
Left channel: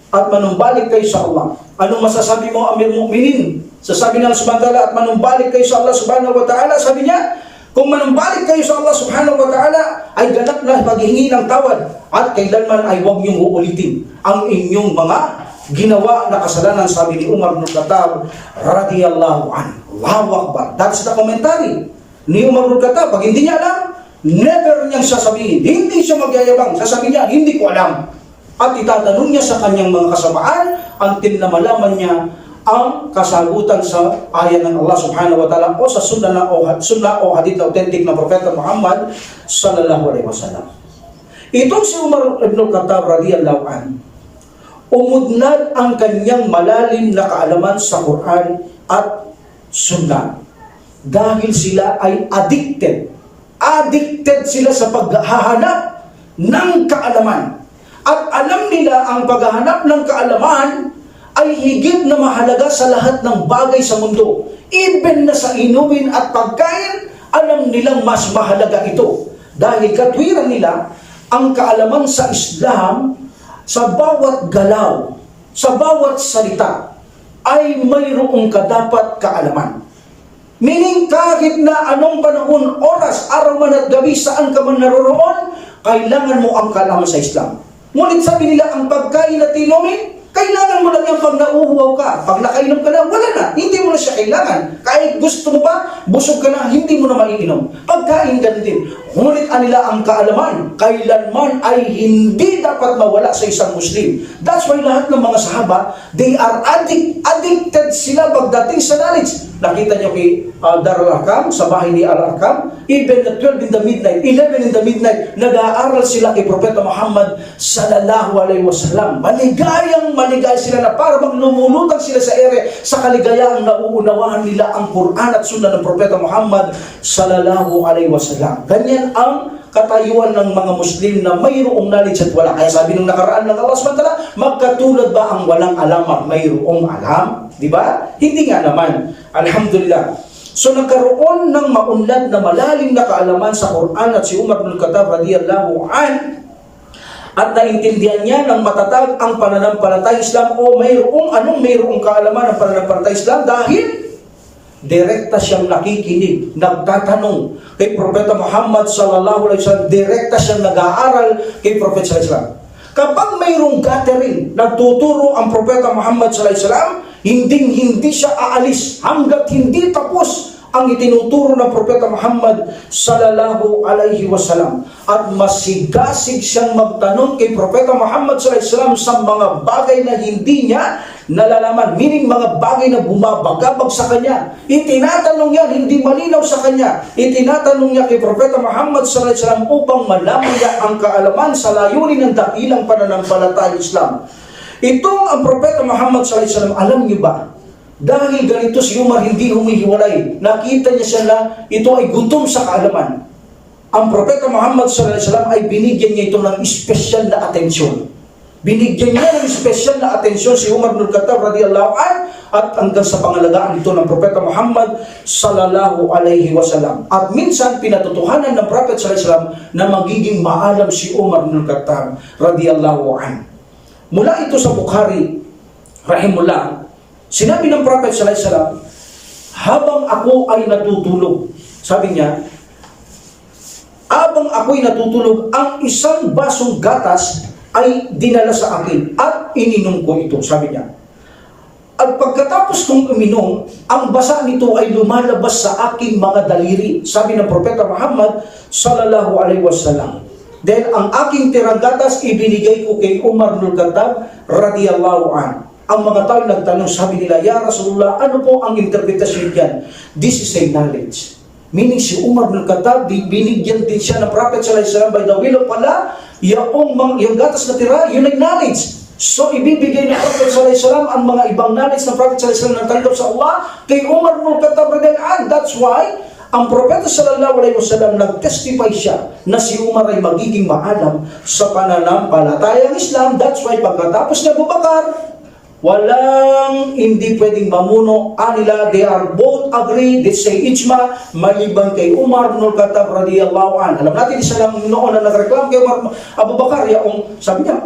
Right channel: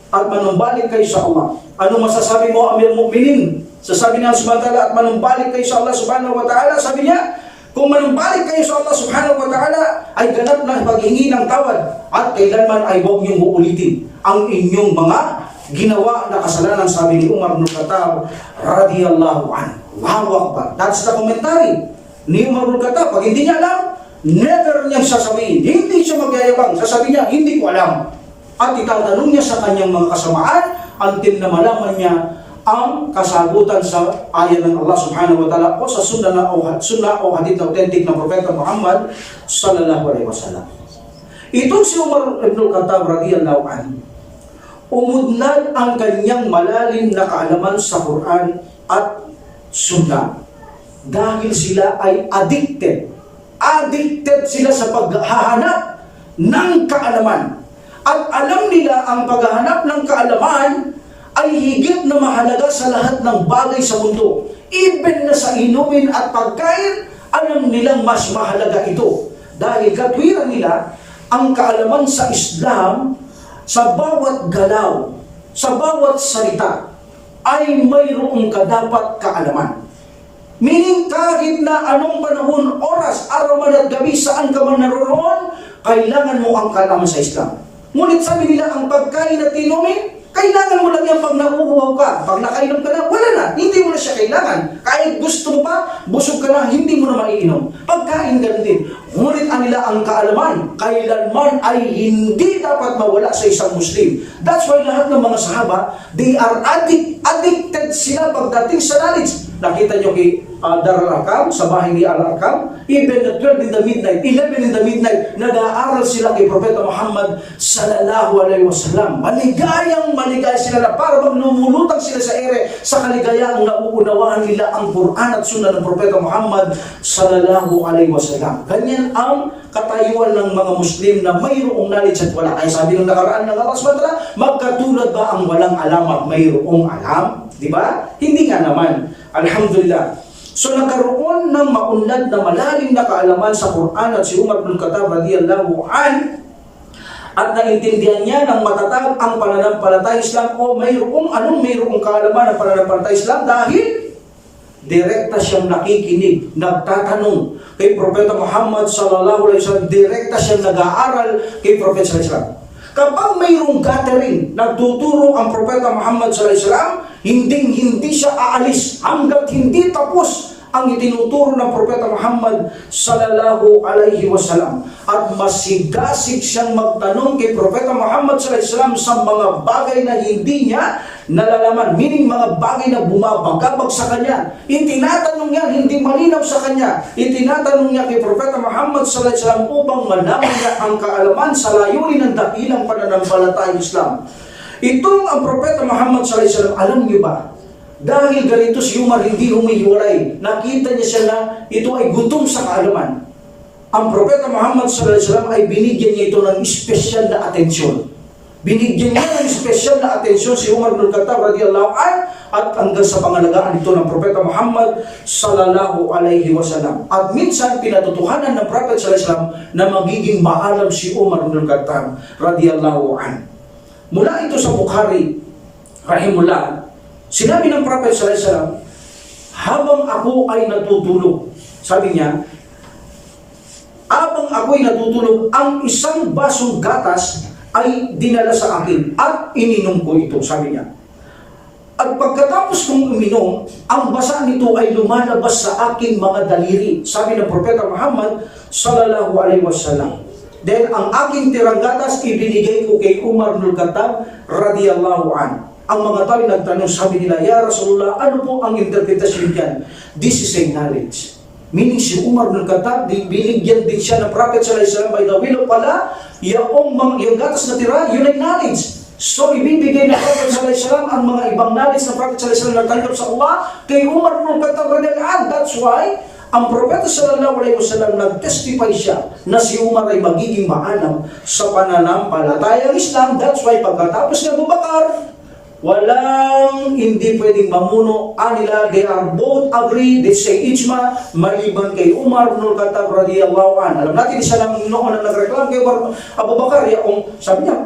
at manumbalik kayo sa Allah. Anong masasabi mo, Amir Mu'minin? Sasabi ng Allah subhanahu wa ta'ala, at manumbalik kayo sa Allah subhanahu wa ta'ala. Sabi niya, kung manumbalik kayo sa Allah subhanahu wa ta'ala, ay ganap na paghingi ng tawad, at kailanman ay huwag niyong uulitin ang inyong mga ginawa na kasalanan, sabi ni Umar bin Khattab radiyallahu anhu. Allahu Akbar. That's the commentary ni Umar bin Khattab. Pag hindi niya alam, never niyang sasabihin. Hindi siya magyayabang. Sasabihin niya, hindi ko alam. At itatanong niya sa kanyang mga kasamaan until na malaman niya ang kasagutan sa ayan ng Allah subhanahu wa ta'ala o sa sunnah o hadith na authentic na Propeta Muhammad sallallahu alaihi wasallam. Itong si Umar ibn Khattab radiyallahu anhu, umudnad ang kanyang malalim na kaalaman sa Quran at Sunnah dahil sila ay addicted sila sa paghahanap ng kaalaman, at alam nila ang paghahanap ng kaalaman ay higit na mahalaga sa lahat ng bagay sa mundo. Even na sa inumin at pagkain, alam nilang mas mahalaga ito dahil katwiran nila ang kaalaman sa Islam. Sa bawat galaw, sa bawat salita ay mayroong kadapat kaalaman. Meaning kahit na anong panahon, oras, araw man at gabi, saan ka man naroroon, kailangan mo ang kaalaman sa Islam. Ngunit sabi nila, ang pagkain at inumin, kailangan mo lang yan pag nauuhaw ka. Pag nakainom ka na, wala na. Hindi mo na siya kailangan. Kahit gusto mo pa, busog ka na, hindi mo na maiinom. Pagkain ganun din. Ngunit anila ang kaalaman, kailanman ay hindi dapat mawala sa isang Muslim. That's why lahat ng mga sahaba, they are addicted sila pagdating sa knowledge. Nakita nyo kay Dar al-Arqam, sa bahay ni Al-Arqam, even at 12 in the midnight, 11 in the midnight, nag-aaral sila kay Propeta Muhammad sallallahu alaihi wasallam. Maligayang maligaya sila na para bang lumulutang sila sa ere sa kaligayaang nauunawahan nila ang Quran at Sunnah ng Propeta Muhammad sallallahu alaihi wasallam. Ganyan ang katayuan ng mga Muslim na mayroong knowledge at wala. Kaya sabi nung nakaraan ng Allah subhanahu wa ta'ala, magkatulad ba ang walang alam at mayroong alam? Di ba? Hindi nga naman. Alhamdulillah. So nagkaroon ng maunlad na malalim na kaalaman sa Quran at si Umar bin Khattab radiyallahu an, at naintindihan niya ng matatag ang pananampalatayang Islam o mayroong kaalaman ng pananampalatayang Islam dahil direkta siyang nakikinig, nagtatanong kay Propeta Muhammad sallallahu alaihi wasallam, direkta siyang nag-aaral kay Propeta sallallahu alaihi wasallam. Kapag mayroong gathering, nagtuturo ang Propeta Muhammad sallallahu alaihi wasallam, hindi siya aalis hanggat hindi tapos ang itinuturo ng Propeta Muhammad sallallahu alaihi wasallam. At masigasig siyang magtanong kay Propeta Muhammad sallallahu alaihi wasallam sa mga bagay na hindi niya nalalaman, meaning mga bagay na bumabagabag sa kanya. Itinatanong niya, hindi malinaw sa kanya. Itinatanong niya kay Propeta Muhammad sallallahu alaihi wasallam upang malaman niya ang kaalaman sa layunin ng dakilang pananampalatayang Islam. Itong ang Propeta Muhammad sallallahu alaihi wasallam, alam niyo ba, dahil ganito si Umar hindi humihiwalay, nakita niya siya na ito ay gutom sa kaalaman. Ang Propeta Muhammad sallallahu alaihi wasallam ay binigyan niya ito ng special na atensyon. Binigyan niya ng special na atensyon si Umar bin Khattab radiyallahu anhu at hanggang sa pangalagaan ito ng Propeta Muhammad sallallahu alaihi wasallam. At minsan pinatutuhanan ng Prophet sallallahu alaihi wasallam na magiging maalam si Umar bin Khattab radiyallahu anhu. Mula ito sa Bukhari rahimullah, sinabi ng Prophet sallallahu alaihi wasallam, habang ako ay natutulog, sabi niya, habang ako'y natutulog, ang isang basong gatas ay dinala sa akin at ininom ko ito, sabi niya. At pagkatapos kong uminom, ang basa nito ay lumalabas sa aking mga daliri, sabi ng Propeta Muhammad sallallahu alaihi wasallam. Then ang aking tirang gatas ibinigay ko kay Umar bin Khattab radiyallahu anhu. Ang mga tao nagtanong, sabi nila, Ya Rasulullah, ano po ang interpretasyon diyan? This is a knowledge. Meaning si Umar bin Khattab, binigyan din siya ng Prophet sallallahu alaihi wasallam by the will of Allah, yung gatas na tira, yun ay knowledge. So ibibigay ng Prophet sallallahu alaihi wasallam ang mga ibang knowledge ng Prophet sallallahu alaihi wasallam na tanggap sa Allah kay Umar bin Khattab radhiyallahu anhu. That's why ang Propeta sallallahu alaihi wasallam nag-testify siya na si Umar ay magiging maalam sa pananampalatayang Islam. That's why pagkatapos ni Abu Bakar, walang hindi pwedeng mamuno anila. They are both agree, they say ijma, maliban kay Umar bin Khattab radiyallahu anhu. Alam natin isa lang noon na nagreklamo kay Umar Abu Bakar, yung sabi niya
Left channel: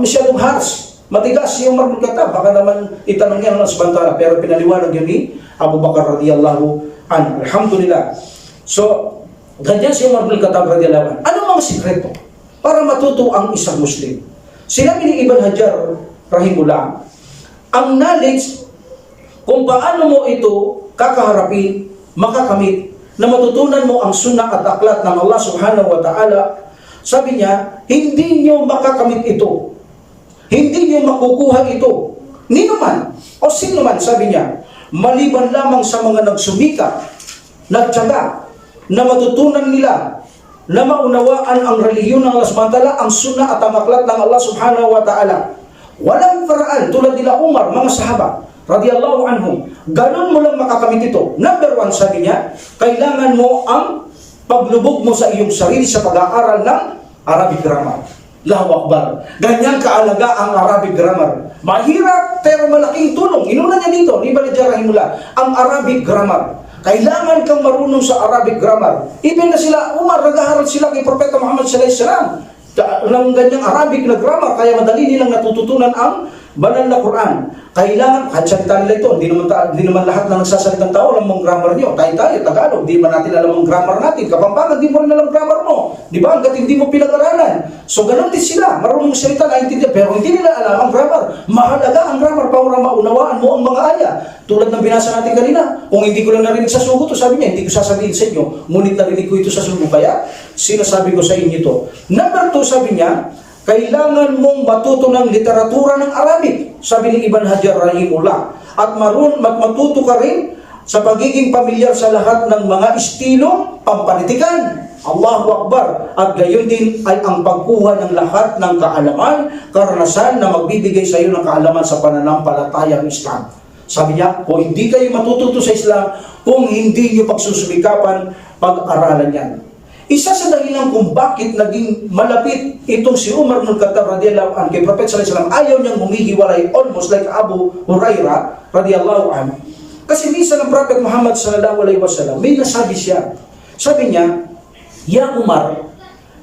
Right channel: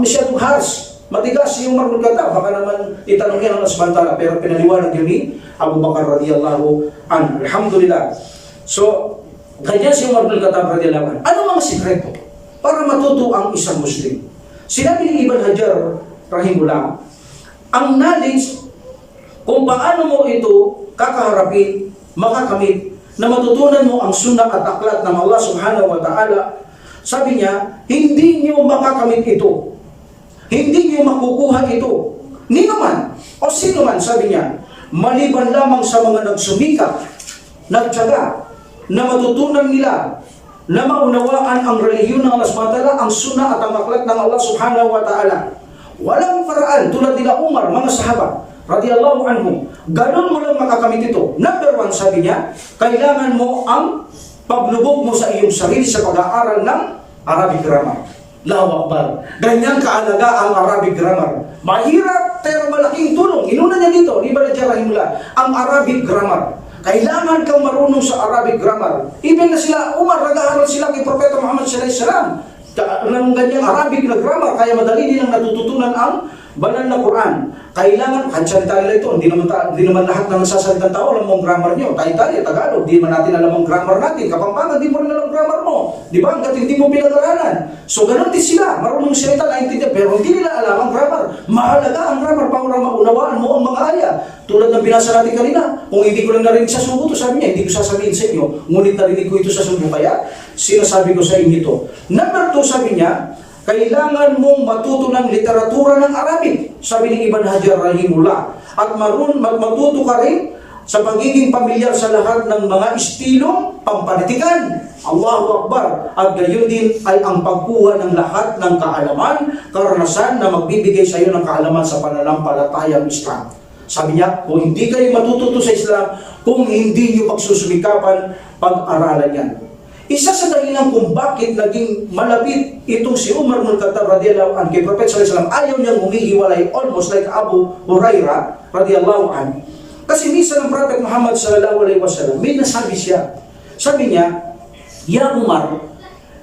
masyadong harsh, matigas si Umar bin Khattab, baka naman itanong niya ng asbantara, pero pinaliwanag yun ni Abu Bakar radiyallahu anhu. Alhamdulillah. So ganyan si Umar bin Khattab radiyallahu anhu. Ano mga sikreto para matuto ang isang Muslim? Sinabi ni Ibn Hajar rahimullah, ang knowledge kung paano mo ito kakaharapin, makakamit, na matutunan mo ang sunnah at aklat ng Allah subhanahu wa ta'ala. Sabi niya, hindi nyo makakamit ito. Hindi nyo makukuha ito. Nino man, o sino man, sabi niya, maliban lamang sa mga nagsumikap, nagtiyaga, na matutunan nila, na maunawaan ang relihiyon ng Allah subhanahu wa ta'ala, ang sunnah at ang aklat ng Allah subhanahu wa ta'ala. Walang paraan, tulad nila Umar, mga sahaba, radiyallahu anhum, ganun mo lang makakamit ito. Number one, sabi niya, kailangan mo ang paglubog mo sa iyong sarili sa pag-aaral ng Arabic grammar. Allahu Akbar. Ganyan kaalaga ang Arabic grammar. Mahirap pero malaking tulong. Inuna niya dito, ni Baladja rahimullah, ang Arabic grammar. Kailangan kang marunong sa Arabic grammar. Even na sila, Umar, nag-aaral sila kay Propeta Muhammad sallallahu alaihi wasallam ng ganyang Arabic na grammar, kaya madali nilang natututunan ang banal na Quran. Kailangan, kahit salita nila ito, hindi naman lahat ng nagsasalitang tao alam mong grammar nyo. Tayo, Tagalog, di man natin alam ang grammar natin. Kapampangan, di mo rin alam grammar mo. Di ba? Hanggat hindi mo pinag-aralan. So, ganun din sila. Marunong salita, naintindihan, pero hindi nila alam ang grammar. Mahalaga ang grammar para maunawaan mo ang mga aya. Tulad ng binasa natin kanina, kung hindi ko lang narinig sa sugo to, sabi niya, hindi ko sasabihin sa inyo, ngunit narinig ko ito sa sugo, kaya sinasabi ko sa inyo ito. Number 2, sabi niya, kailangan mong matuto ng literatura ng Arabic, sabi ni Ibn Hajar rahimullah, at matuto ka rin sa pagiging pamilyar sa lahat ng mga estilong pampanitikan. Allahu Akbar. At gayon din ay ang pagkuha ng lahat ng kaalaman, karanasan na magbibigay sa iyo ng kaalaman sa pananampalatayang Islam. Sabi niya, kung hindi kayo matututo sa Islam, kung hindi niyo pagsusumikapan, pag-aralan yan. Isa sa dahilan kung bakit naging malapit itong si Umar ibn Khattab radiyallahu anhu kay Prophet sallallahu alaihi wasallam, ayaw niyang humihiwalay, almost like Abu Hurairah radiyallahu anhu. Kasi minsan ng Prophet Muhammad sallallahu alaihi wasallam, may nasabi siya. Sabi niya, Ya Umar,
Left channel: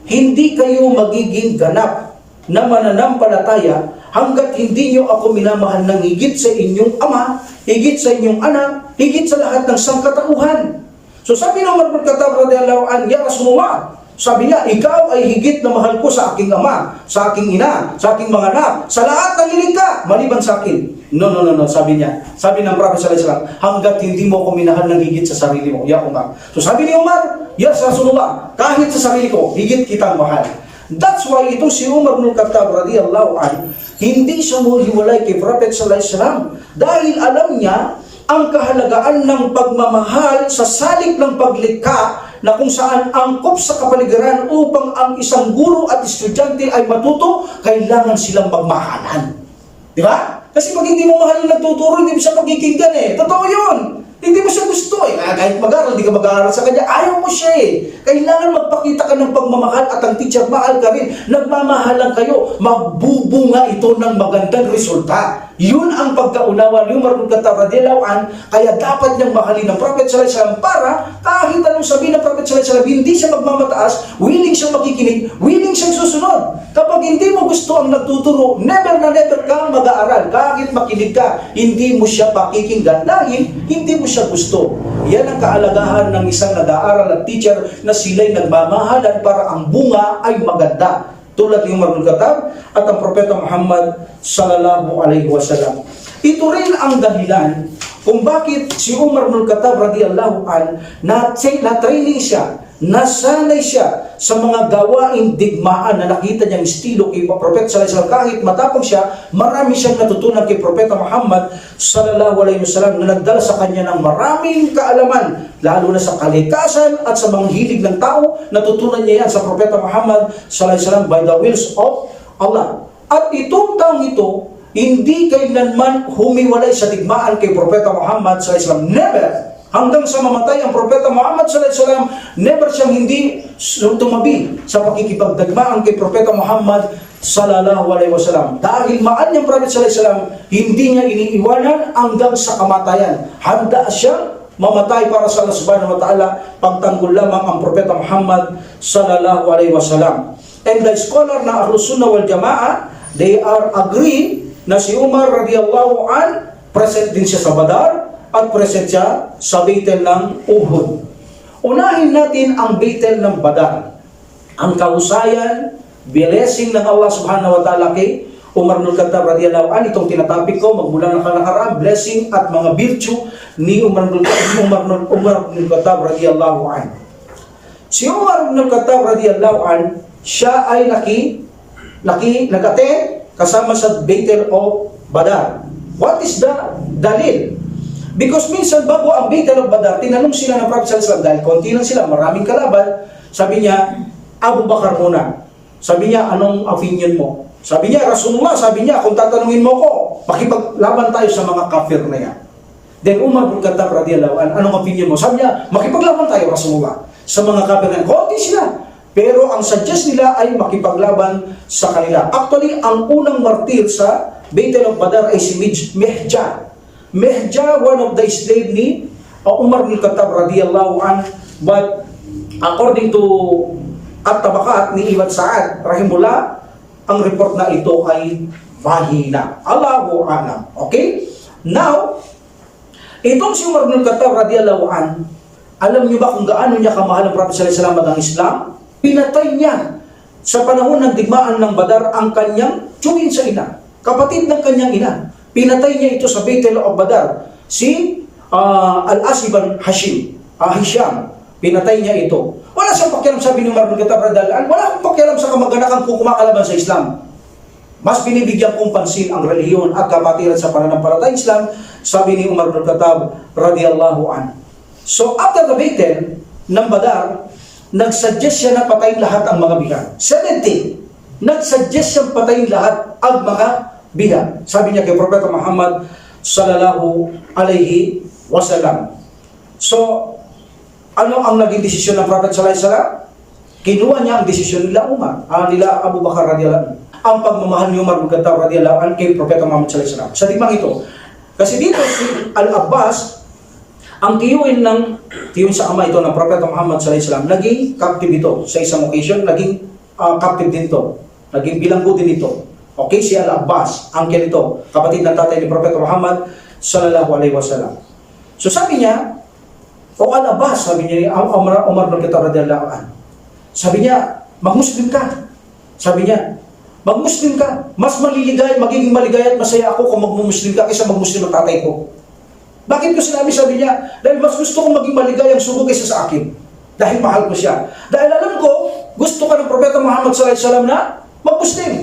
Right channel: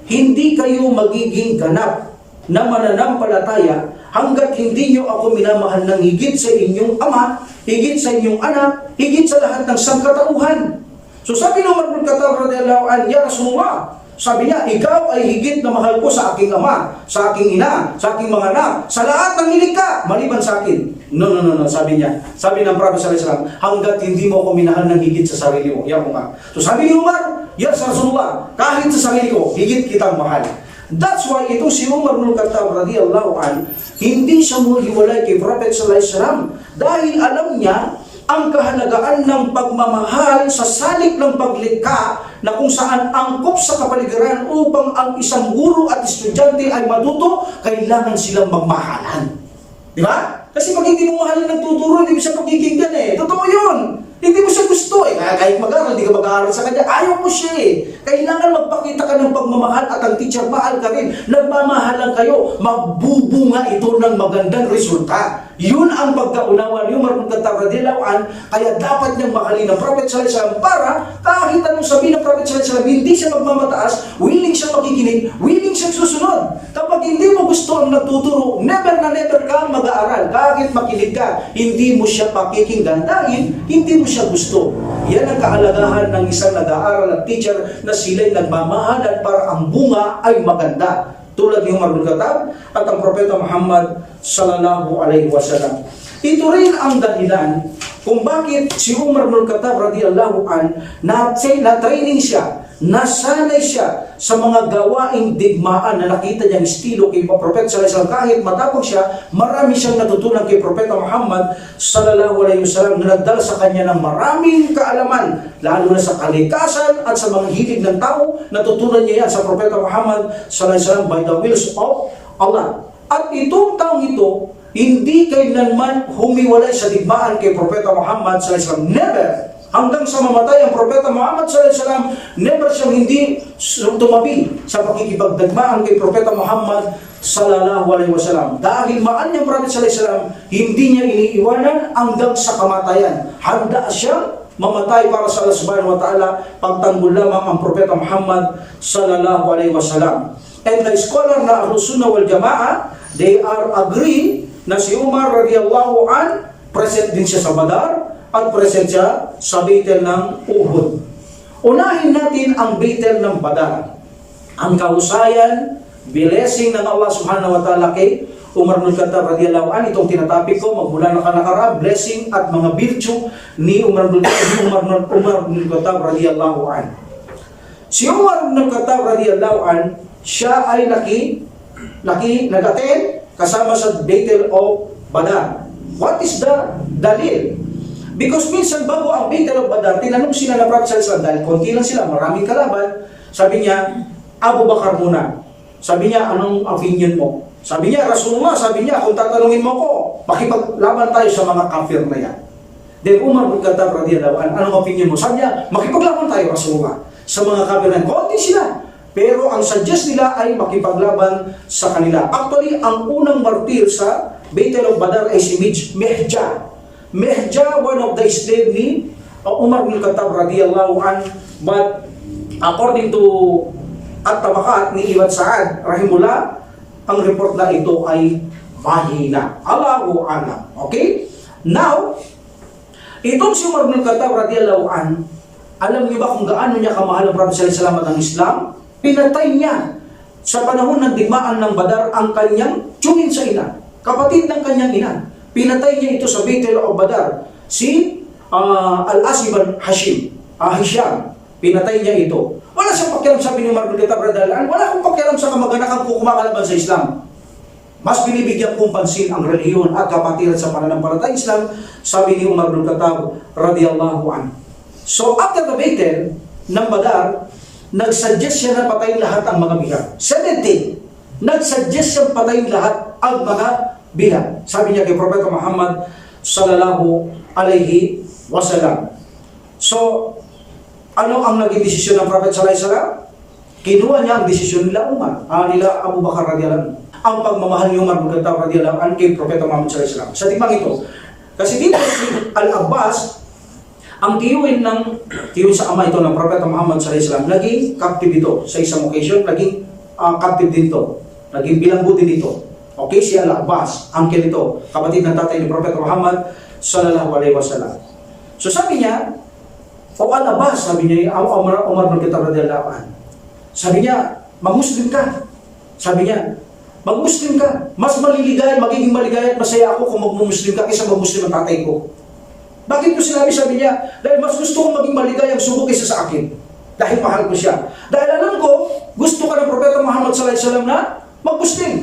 hindi kayo magiging ganap na mananampalataya hanggat hindi niyo ako minamahal ng higit sa inyong ama, higit sa inyong anak, higit sa lahat ng sangkatauhan. So sabi ng Umar ibn Khattab radiyallahu anhu, Ya Rasulullah, sabi niya, ikaw ay higit na mahal ko sa aking ama, sa aking ina, sa aking mga anak, sa lahat ng hiling maliban sa akin. No, sabi niya. Sabi ng Prophet sallallahu alaihi wasallam, hanggat hindi mo ako minahal ng higit sa sarili mo, Ya Umar. So sabi ni Umar, Ya Rasulullah, kahit sa sarili ko, higit kitang mahal. That's why itong si Umar ibn Khattab radiyallahu anhu, hindi siya humiwalay kay Prophet sallallahu alaihi wasallam dahil alam niya ang kahalagaan ng pagmamahal sa salik ng paglikha na kung saan angkop sa kapaligiran upang ang isang guro at estudyante ay matuto, kailangan silang magmahalan. Di ba? Kasi pag hindi mo mahal yung nagtuturo, hindi mo siya pagkikinggan eh. Totoo yun. Hindi mo siya gusto eh. Kahit mag-aaral, hindi ka mag-aaral sa kanya, ayaw mo siya eh. Kailangan magpakita ka ng pagmamahal at ang teacher, mahal ka rin. Nagmamahalan kayo, magbubunga ito ng magandang resulta. Yun ang pagkaunawa ni Umar ibn Khattab radiyallahu anhu, kaya dapat niyang mahalin ng Prophet sallallahu alaihi wasallam para kahit anong sabihin ng Prophet sallallahu alaihi wasallam, hindi siya magmamataas, willing siyang makikinig, willing siyang susunod. Kapag hindi mo gusto ang nagtuturo, never na never kang mag-aaral. Kahit makinig ka, hindi mo siya pakikinggan dahil hindi mo siya gusto. Yan ang kaalagahan ng isang nag-aaral at teacher na sila'y nagmamahalan para ang bunga ay maganda. Tulad ni Umar ibn Khattab at ang Propeta Muhammad sallallahu alaihi wasallam. Ito rin ang dahilan kung bakit si Umar ibn Khattab radiyallahu an na-training siya, nasanay siya sa mga gawaing digmaan na nakita niyang estilo kay Propeta sallallahu alaihi wasallam. Kahit matapang siya, marami siyang natutunan kay Propeta Muhammad sallallahu alaihi wasallam na nagdala sa kanya ng maraming kaalaman, lalo na sa kalikasan at sa mga hilig ng tao. Natutunan niya yan sa Propeta Muhammad sallallahu alaihi wasallam by the wills of Allah. At itong taong ito, hindi kailanman humiwalay sa digmaan kay Propeta Muhammad sallallahu alaihi wasallam. Never. Hanggang sa mamatay ang Propeta Muhammad sallallahu alaihi wasallam, never siyang hindi tumabi sa pakikipagdigmaan kay Propeta Muhammad sallallahu alaihi wasallam. Dahil mahal niyang Prophet sallallahu alaihi wasallam, hindi niya iniiwanan hanggang sa kamatayan. Handa siyang mamatay para sa Allah subhanahu wa ta'ala, pagtanggol lamang ang Propeta Muhammad sallallahu alaihi wasallam. And the scholar na Ahlus Sunnah wal Jamaah, they are agree na si Umar radiyallahu an, present din siya sa Badar at present siya sa Battle ng Uhud. Unahin natin ang Battle ng Badar. Ang kahusayan, blessing ng Allah subhanahu wa ta'ala kay Umar bin Khattab radhiyallahu anhu, itong tinatapik ko magmula ng nakaraan, blessing at mga virtue ni Umar bin Khattab radhiyallahu anhu. Si Umar bin Khattab radhiyallahu anhu, siya ay nag-attend kasama sa Battle of Badar. What is the dalil? Because minsan bago ang Battle of Badar, tinanong sila ng Prophet sallallahu alaihi wasallam, dahil konti lang sila, maraming kalaban, sabi niya, Abu Bakar muna. Sabi niya, anong opinion mo? Sabi niya, Rasulullah, sabi niya, kung tatanungin mo ko, makipaglaban tayo sa mga kafir na yan. Then Umar bin Khattab radhiyallahu anhu, anong opinion mo? Sabi niya, makipaglaban tayo, Rasulullah, sa mga kafir na yan. Konti sila. Pero ang suggest nila ay makipaglaban sa kanila. Actually, ang unang martir sa Battle of Badar ay si Mihja. Mihja, one of the slave ni Umar bin Khattab radhiyallahu anhu. But according to At-Tabakat ni Ibn Sa'ad rahimullah, ang report na ito ay mahina. Allahu a'lam. Okay? Now, itong si Umar bin Khattab radhiyallahu anhu, alam niyo ba kung gaano niya kamahal ang Prophet sallallahu alaihi wasallam at ang Islam? Pinatay niya sa panahon ng digmaan ng Badar ang kanyang tiyuhin sa ina, kapatid ng kanyang ina. Pinatay niya ito sa Battle of Badar. Si Al-As ibn Hisham, pinatay niya ito. Wala siyang pakialam, sabi ni Umar bin Khattab radhiyallahu anhu, wala akong pakialam sa kamag-anakan kung kumakalaban sa Islam. Mas binibigyan kong pansin ang relihiyon at kapatiran sa pananampalatayang Islam, sabi ni Umar bin Khattab radhiyallahu anhu. So after the battle ng Badar, nagsuggest siya na patayin lahat ang mga biha. 17, nagsuggest siyang patayin lahat ang mga biha. Sabi niya kay Propeta Muhammad sallallahu alaihi wasallam. So, ano ang naging desisyon ng Prophet sallallahu alaihi wasallam? Kinuha niya ang desisyon nila nila Abu Bakar radhiyallahu anhu. Ang pagmamahal ni Umar bin Khattab radhiyallahu anhu kay Propeta Muhammad sallallahu alaihi wasallam. Sa timang ito, kasi dito si Al-Abbas, ang tiyuhin sa ama ito ng Propeta Muhammad sallallahu alaihi wasallam, naging captive ito sa isang occasion, naging captive din ito, naging bilanggo din ito. Okay, si Al-Abbas, uncle ito, kapatid ng tatay ni Propeta Muhammad sallallahu alaihi wasallam. So sabi niya, o Al-Abbas, sabi niya, Umar bin Khattab radhiyallahu anhu, sabi niya, mag-Muslim ka. Sabi niya, mag-Muslim ka. Mas magiging maligaya at masaya ako kung mag-Muslim ka kaysa mag-Muslim ang tatay ko. Bakit ko sinabi? Sabi niya, dahil mas gusto kong maging maligayang sugo kaysa sa akin. Dahil mahal ko siya. Dahil alam ko, gusto ka ng Propeta Muhammad sallallahu alaihi wasallam na mag-Muslim.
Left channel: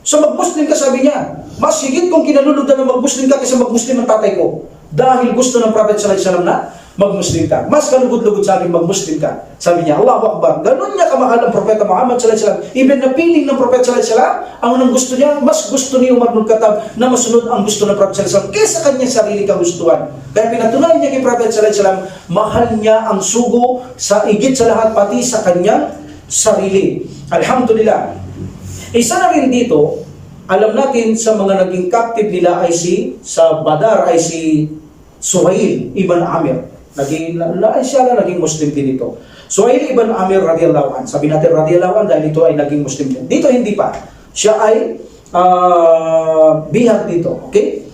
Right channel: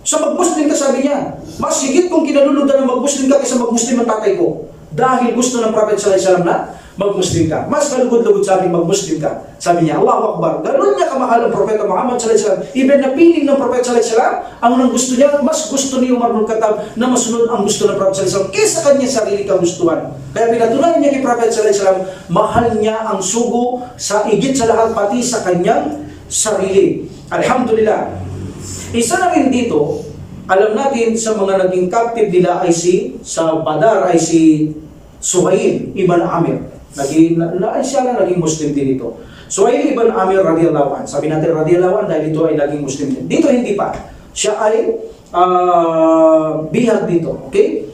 So mag-Muslim ka, sabi niya. Mas higit kong kinaluludan na mag-Muslim ka kaysa mag-Muslim ang tatay ko. Dahil gusto ng Propeta sallallahu alaihi wasallam na mag-Muslim ka. Mas kalugod-lugod sa akin mag-Muslim ka. Sabi niya, Allahu Akbar. Ganun niya kamahal ang Propeta Muhammad sallallahu alaihi wasallam. Even na piling ng Propeta sallallahu alaihi wasallam, ang unang gusto niya, mas gusto ni Umar bin Khattab na masunod ang gusto ng Propeta sallallahu alaihi wasallam kaysa kanyang sarili kagustuhan. Kaya pinatunayan niya kay Propeta sallallahu alaihi wasallam, mahal niya ang sugo sa higit sa lahat, pati sa kanyang sarili. Alhamdulillah. Isa na rin dito, alam natin sa mga naging captive nila ay sa Badar ay si Suhail ibn Amir. Naging Muslim din ito. Suhail ibn Amir radhiyallahu anhu. Sabi natin radhiyallahu anhu dahil ito ay naging Muslim din. Dito hindi pa. Siya ay bihag dito. Okay?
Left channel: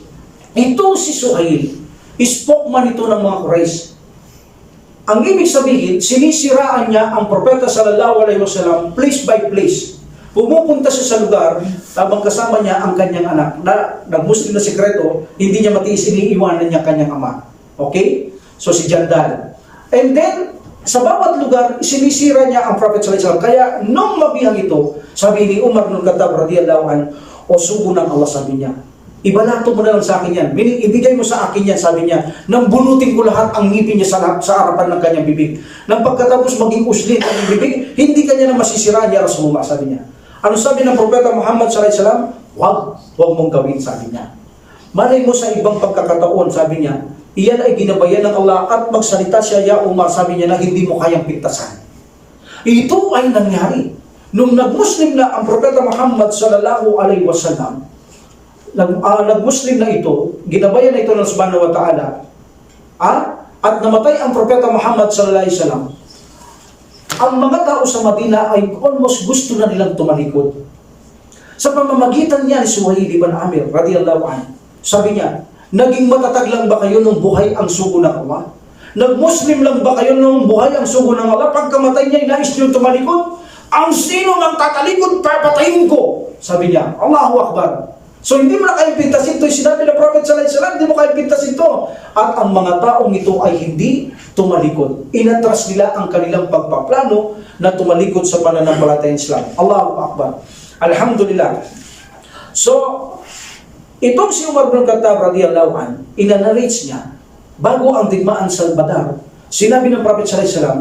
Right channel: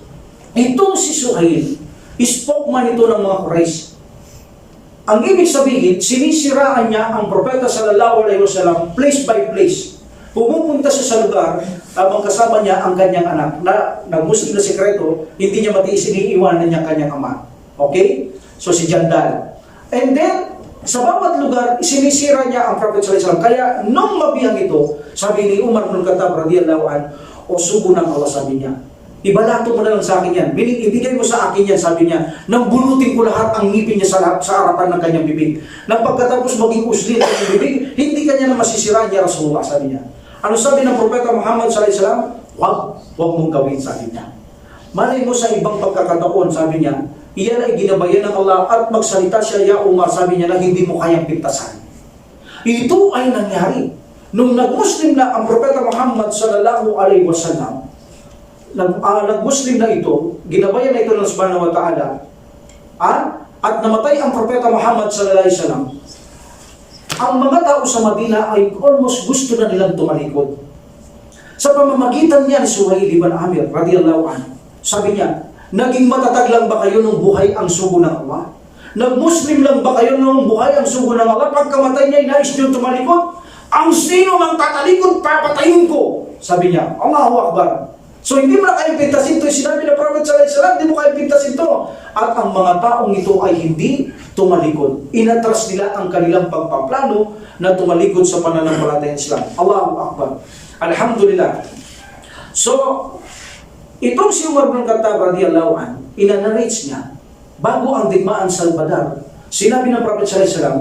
Ito si Suhail, spokesman ito ng mga Quraysh. Ang ibig sabihin, sinisiraan niya ang Propeta sallallahu alaihi wasallam place by place. Pumupunta siya sa lugar habang kasama niya ang kanyang anak na nag-Muslim na sekreto, hindi niya matiis, iniiwanan niya kanyang ama. Okay? So si Jandal. And then, sa bawat lugar, sinisira niya ang Prophet sallallahu alaihi wasallam. Kaya, nung mabihang ito, sabi ni Umar bin Khattab radhiyallahu anhu, o sugo ng Allah, sabi niya, ibalato mo na lang sa akin yan. Meaning, ibigay mo sa akin yan, sabi niya, nang bunutin ko lahat ang ngipin niya sa harapan ng kanyang bibig. Nang pagkatapos maging uslin ang kanyang bibig, hindi kanya na masisiraan niya Rasulullah, sabi niya. Ano sabi ng Propeta Muhammad sallallahu alaihi wasallam? Huwag mong gawin, sabi niya. Malay mo sa ibang pagkakataon, sabi niya, iyan ay ginabayan ng Allah at magsalita siya, ya Umar, sabi niya na hindi mo kayang pintasan. Ito ay nangyari. Nung nag-Muslim na ang Propeta Muhammad sallallahu alaihi wasallam, nag-Muslim na ito, ginabayan na ito ng Subhanahu wa Ta'ala, at namatay ang Propeta Muhammad sallallahu alaihi wasallam, ang mga tao sa Madina ay almost gusto na nilang tumalikod. Sa pamamagitan niya ni Suhail ibn Amir radhiyallahu anhu, sabi niya, naging matatag lang ba kayo nung buhay ang sugo ng Allah? Nag-Muslim lang ba kayo nung buhay ang sugo ng Allah? Pagkamatay niya, inais niyo tumalikod? Ang sino mang tatalikod, papatayin ko! Sabi niya, Allahu Akbar. So hindi mo na kayang pintasin ito. Sinabi ng Prophet sallallahu alaihi wasallam, hindi mo kayang pintasin ito. At ang mga taong ito ay hindi tumalikod. Inatras nila ang kanilang pagpaplano na tumalikod sa pananampalatayang Islam. Allahu Akbar. Alhamdulillah. So, itong si Umar bin Khattab radiyallahu an, inanarrates niya, bago ang digmaan sa Badar, sinabi ng Prophet sallallahu alaihi wasallam,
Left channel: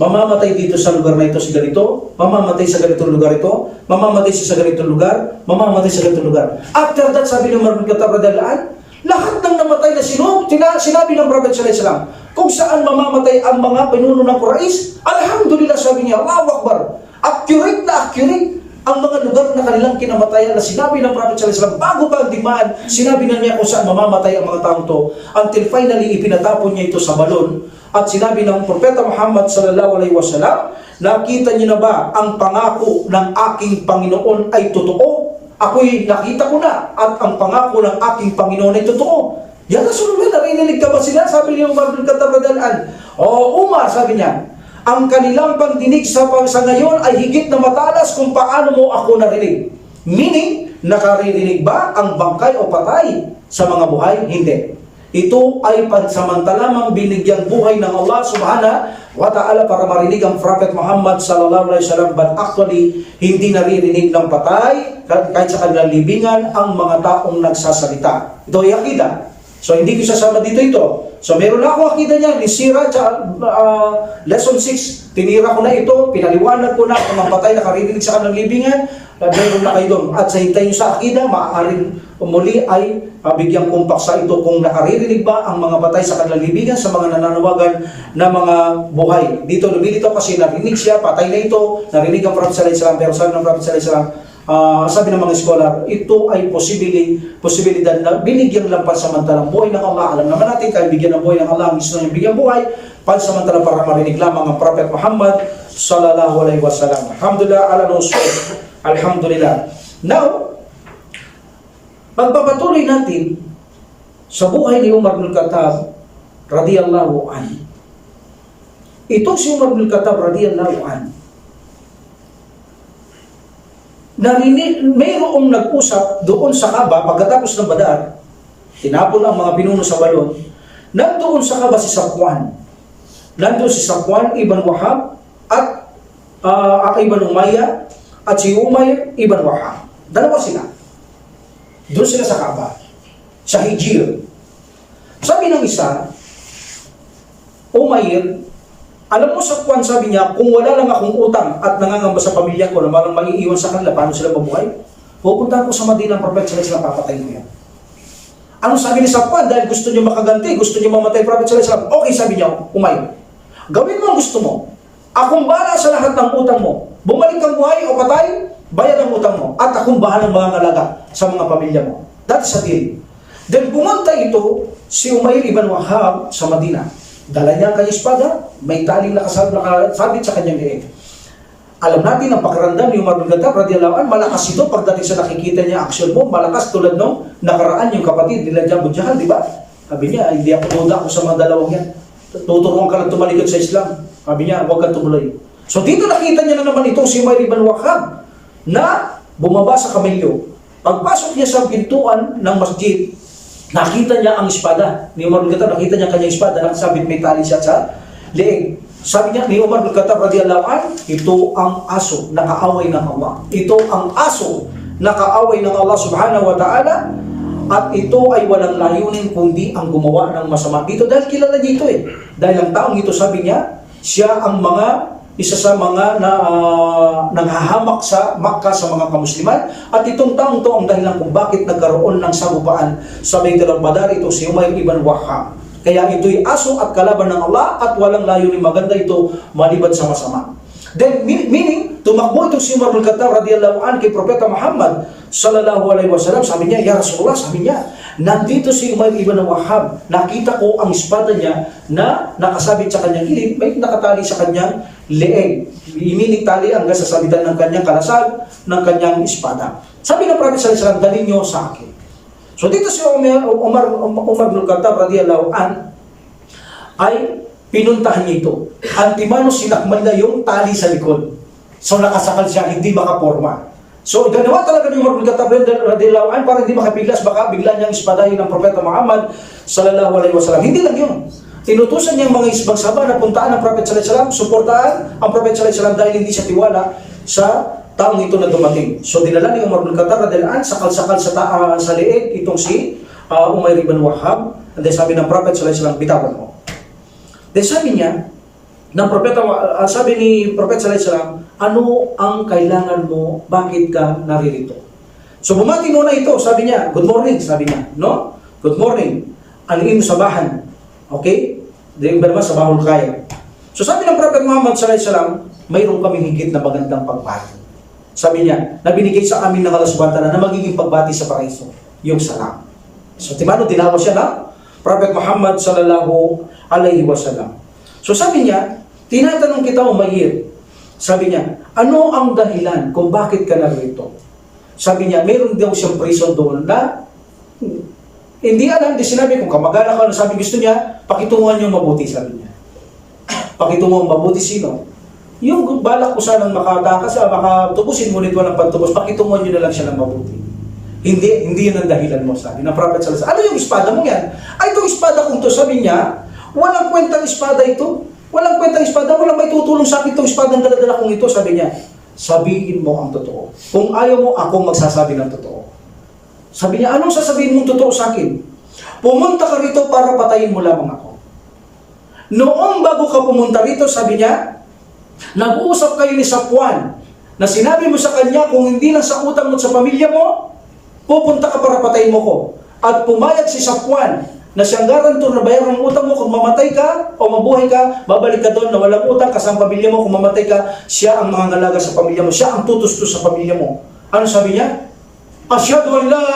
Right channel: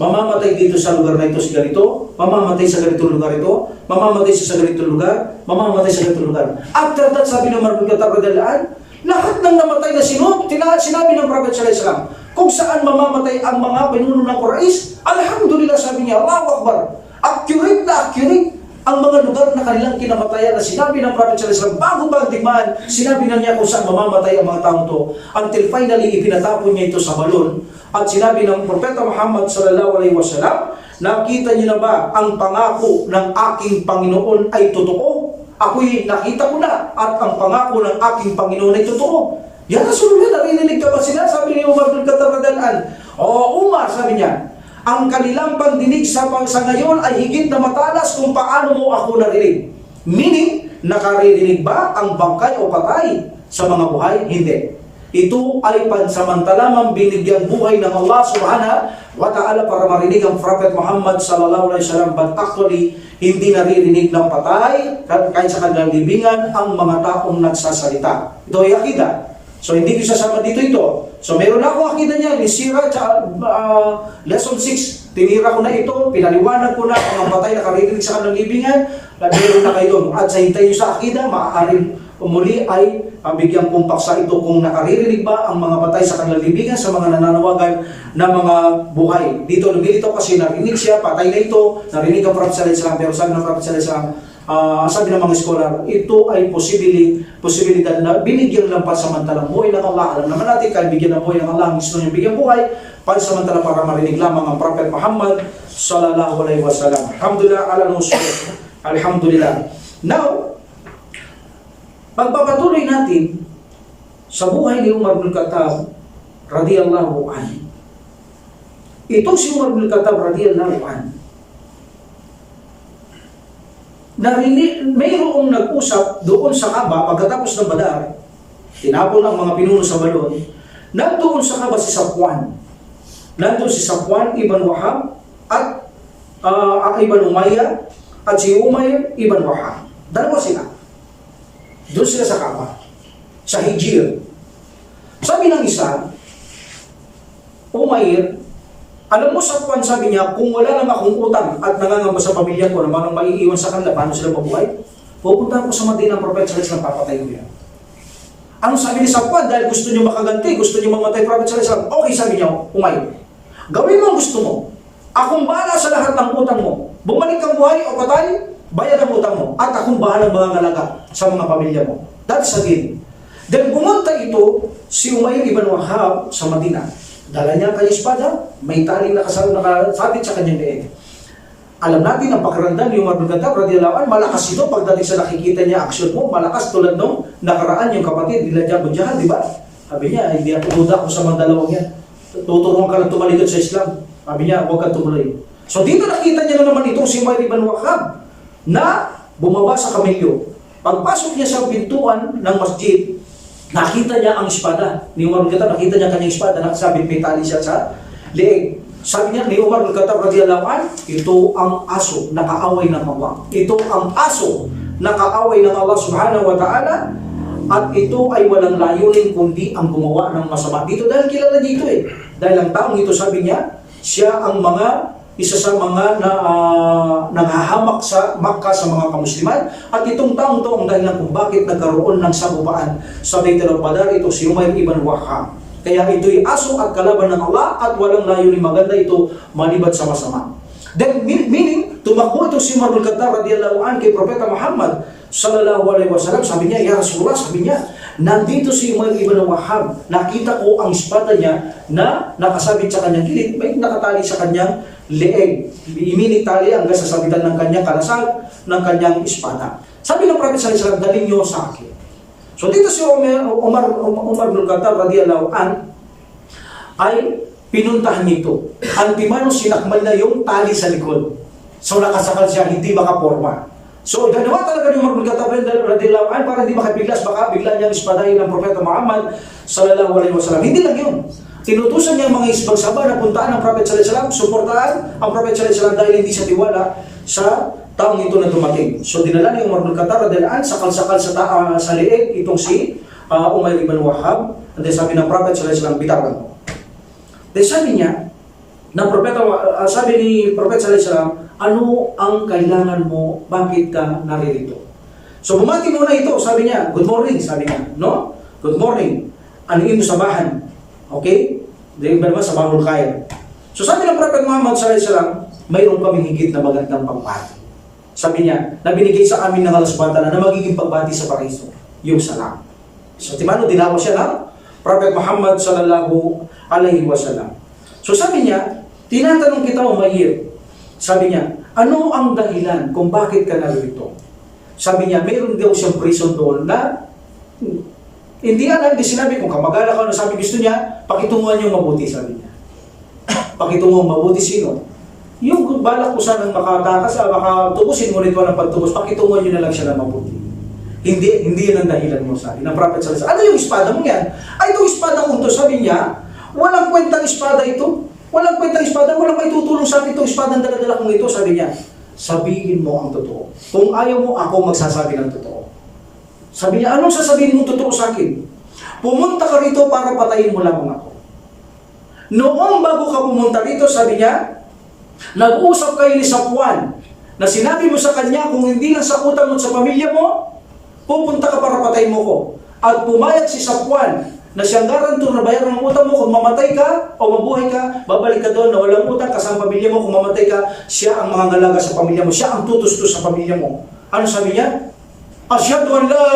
mamamatay dito sa lugar na ito si ganito, mamamatay sa ganitong lugar ito, mamamatay sa ganitong lugar, mamamatay sa ganitong lugar. After that, sabi ng Umar bin Khattab radiyallahu an, lahat ng namatay na sinabi ng Prophet sallallahu alaihi wasallam, kung saan mamamatay ang mga pinuno ng Quraysh, alhamdulillah, sabi niya, Allahu Akbar, accurate na accurate ang mga lugar na kanilang kinamatayan na sinabi ng Prophet sallallahu alaihi wasallam bago pa ang digmaan, sinabi na niya kung saan mamamatay ang mga taong to, until finally ipinatapon niya ito sa balon. At sinabi ng Propeta Muhammad sallallahu alaihi wasallam, nakita niyo na ba ang pangako ng aking Panginoon ay totoo? Ako'y nakita ko na at ang pangako ng aking Panginoon ay totoo. Ya Rasulullah, narinig ka ba sila? Sabi ni Umar bin Khattab radhiyallahu anhu. O Umar, sabi niya, ang kanilang pandinig sa ngayon ay higit na matalas kung paano mo ako narinig. Meaning, nakaririnig ba ang bangkay o patay sa mga buhay? Hindi. Ito ay pansamantalamang binigyang buhay ng Allah subhanahu wa ta'ala para marinig ang Prophet Muhammad sallallahu alaihi wasallam, but actually hindi naririnig ng patay kahit sa kanilang libingan ang mga taong nagsasalita. Ito ay akida. So hindi ko sasama dito ito. So meron na akong akida niya ni Sira lesson 6. Tinira ko na ito, pinaliwanag ko na kung ang patay nakaririnig sa kanilang libingan, meron na kayo doon. At sa hintay nyo sa akida, maaaring muli ay bigyang kumpaksa ito kung nakaririnig ba ang mga patay sa kanilang libingan sa mga nananawagan na mga buhay. Dito lumilito kasi narinig siya, patay na ito, narinig ang Prophet sallallahu alaihi wasallam, pero sabi ng Prophet sallallahu alaihi wasallam, sabi ng mga scholar, ito ay posibilidad na binigyan lang pansamantalang buhay ng Allah. Alam naman natin, kahit bigyan ng buhay ng Allah, gusto niyang bigyan buhay, pansamantalang para marinig lamang ang Prophet Muhammad sallallahu alaihi wasallam. Alhamdulillah ala nusul. Alhamdulillah. Now, pagpapatuloy natin sa buhay ni Umar bin Khattab radiyallahu anhu. Itong si Umar bin Khattab radiyallahu anhu, mayroong nag-usap doon sa Kaaba pagkatapos ng Badar, tinapon ang mga pinuno sa balon, nandoon sa Kaaba si Safwan. Nandoon si Safwan ibn Wahab at ibn Umayyah at si Umayr ibn Wahab. Dalawa sila. Doon sila sa Kaaba, sa Hijir. Sabi ng isa, Umayr, alam mo Safwan, sabi niya, kung wala lang akong utang at nangangamba sa pamilya ko na malang maiiwan sa kanila, paano sila mabuhay? Pupunta ko sa Madina ang Prophet sallallahu alaihi wasallam, papatay ko yan. Ano sabi ni Safwan? Dahil gusto niyo makaganti, gusto niyo mamatay Prophet sallallahu alaihi wasallam. Okay, sabi niya, Umayr, gawin mo ang gusto mo. Akong bahala sa lahat ng utang mo. Bumalik kang buhay o patay, bayad ang utang mo. At akong bahalang mga sa mga pamilya mo. That is a deal. Then bumunta ito si Umayr ibn Wahab sa Madina. Dala niya ang kanyang espada, may taling nakasabit sa kanyang leeg. Alam natin ang pakiramdam ni Umar bin Khattab radhiyallahu anhu, malakas ito pagdating sa nakikita niya action mo, malakas tulad nung nakaraan yung kapatid nila Abu Jahal, di ba? Sabi niya, hindi ako duda ko sa mga dalawang yan. Tuturuan ka lang tumalikod sa Islam. Sabi niya, huwag kang tumuloy. So dito nakita niya na naman itong si Umayr ibn Wahab na bumaba sa kamelyo. Pagpasok niya sa pintuan ng masjid, nakita niya ang espada. Ni Umar bin Khattab, nakita niya kanyang espada, nakasabit may tali siya sa leeg. Sabi niya, ni Umar bin Khattab radhiyallahu anhu, ito ang aso na kaaway ng Allah. Ito ang aso na kaaway ng Allah subhanahu wa ta'ala, at ito ay walang layunin kundi ang gumawa ng masama. Dito dahil kilala niya ito eh. Dahil ang taong ito, sabi niya, siya ang isa sa mga nanghahamak sa Makkah sa mga kamusliman, at itong taong to ang dahilan kung bakit nagkaroon ng sagupaan sa Baitul Badar, ito si Umayr ibn Wahab. Kaya ito'y aso at kalaban ng Allah at walang layunin maganda ito maliban sa masama. Then meaning, tumakbo ito si Umar bin Khattab radhiyallahu anhu kay Propeta Muhammad sallallahu alaihi wasallam. Sabi niya, ya Rasulullah, sabi niya, nandito si Umayr ibn Wahab, nakita ko ang espada niya na nakasabit sa kanyang gilid, may nakatali sa kanyang leeg. Iminig tali hanggang sa sabitan ng kanyang kalasag ng kanyang espada. Sabi ng Prophet sallallahu alaihi wasallam, dalhin niyo sa akin. So dito si Umar bin Khattab radhiyallahu anhu ay pinuntahan niya ito. Antimano sinakmal na yung tali sa likod. So nakasakal siya, hindi makaporma. So, ganawa talaga ni Umar bin Khattab radhiyallahu anhu para hindi makapiglas, baka bigla niyang ispadahin ng Propeta Muhammad sallallahu alaihi wasallam. Hindi lang yun. Tinutusan niya ang mga isbang sahaba na puntaan ng Prophet sallallahu alaihi wasallam, suportahan ang Prophet sallallahu alaihi wasallam dahil hindi siya tiwala sa taong ito na dumating. So, dinala ni Umar bin Khattab radhiyallahu anhu, sakal-sakal sa leeg itong si Umayr ibn Wahhab. And then sabi ng Prophet sallallahu alaihi wasallam, bitawan mo. Then sabi niya, sabi ni Prophet sallallahu alaihi wasallam, ano ang kailangan mo? Bakit ka naririto? So bumati muna ito, sabi niya, good morning, sabi niya, no? Good morning. Ano imo sabahan? Okay? Dahil ba naman sabahul kaya? So sabi ng Prophet Muhammad sallallahu alaihi wasallam, mayroon kaming higit na magandang pagbati. Sabi niya, na binigay sa amin ng Allah subhanahu wa ta'ala na magiging pagbati sa paraiso, yung salam. So timano, dinawa siya ng Prophet Muhammad sallallahu alaihi wasallam. So sabi niya, tinatanong kita, Umayr. Sabi niya, ano ang dahilan kung bakit ka narito? Sabi niya, mayroon daw siyang prison doon na hindi alam, hindi sinabi kung kamag-anak ka, sabi gusto niya, pakitunguhan niyong mabuti, sabi niya. Pakitunguhan mabuti sino? Yung balak ko sanang makatakas, makatubusin, ngunit walang pagtubos, pakitunguhan niyo na lang siya ng mabuti. Hindi yun ang dahilan mo, sabi ng Prophet sallallahu alaihi wasallam. Ano yung espada mo yan? Ay, itong espada kong to, sabi niya, walang kwentang espada ito. Walang kwentang espada, walang may tutulong sa akin itong espada ang dala-dala kong ito, sabi niya. Sabihin mo ang totoo. Kung ayaw mo, ako magsasabi ng totoo. Sabi niya, anong sasabihin mong totoo sa akin? Pumunta ka rito para patayin mo lamang ako. Noong bago ka pumunta rito, sabi niya, nag-uusap kayo ni Safwan na sinabi mo sa kanya, kung hindi lang sa utang mo at sa pamilya mo, pupunta ka para patayin mo ko. At pumayag si Safwan na siyang garantor na bayaran ng utang mo, kung mamatay ka o mabuhay ka, babalik ka doon na walang utang kasama pamilya mo. Kung mamatay ka, siya ang mga ngalaga sa pamilya mo, siya ang tutustos sa pamilya mo. Ano sabi niya? Asyhadu an la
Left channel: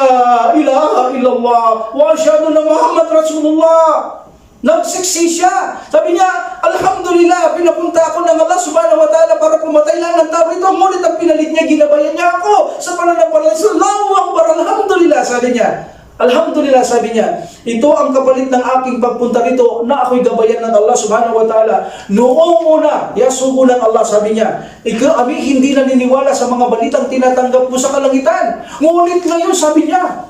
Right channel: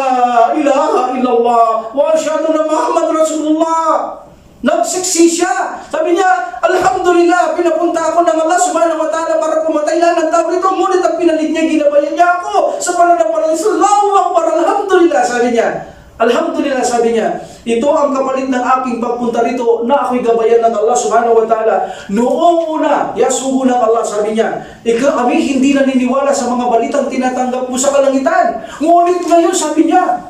ilaha illallah wa asyhadu anna Muhammad Rasulullah. Nagsiksi siya. Sabi niya, alhamdulillah, pinapunta ako ng Allah subhanahu wa ta'ala para pumatay lang ng tao rito. Ngunit ang pinalit niya, ginabayan niya ako sa pananampalataya. Allahu Akbar, alhamdulillah, sabi niya. Alhamdulillah, sabi niya, ito ang kapalit ng aking pagpunta rito na ako'y gabayan ng Allah subhanahu wa ta'ala. Noong una, yasugo ng Allah, sabi niya, kami hindi naniniwala sa mga balitang tinatanggap mo sa kalangitan. Ngunit ngayon, sabi niya,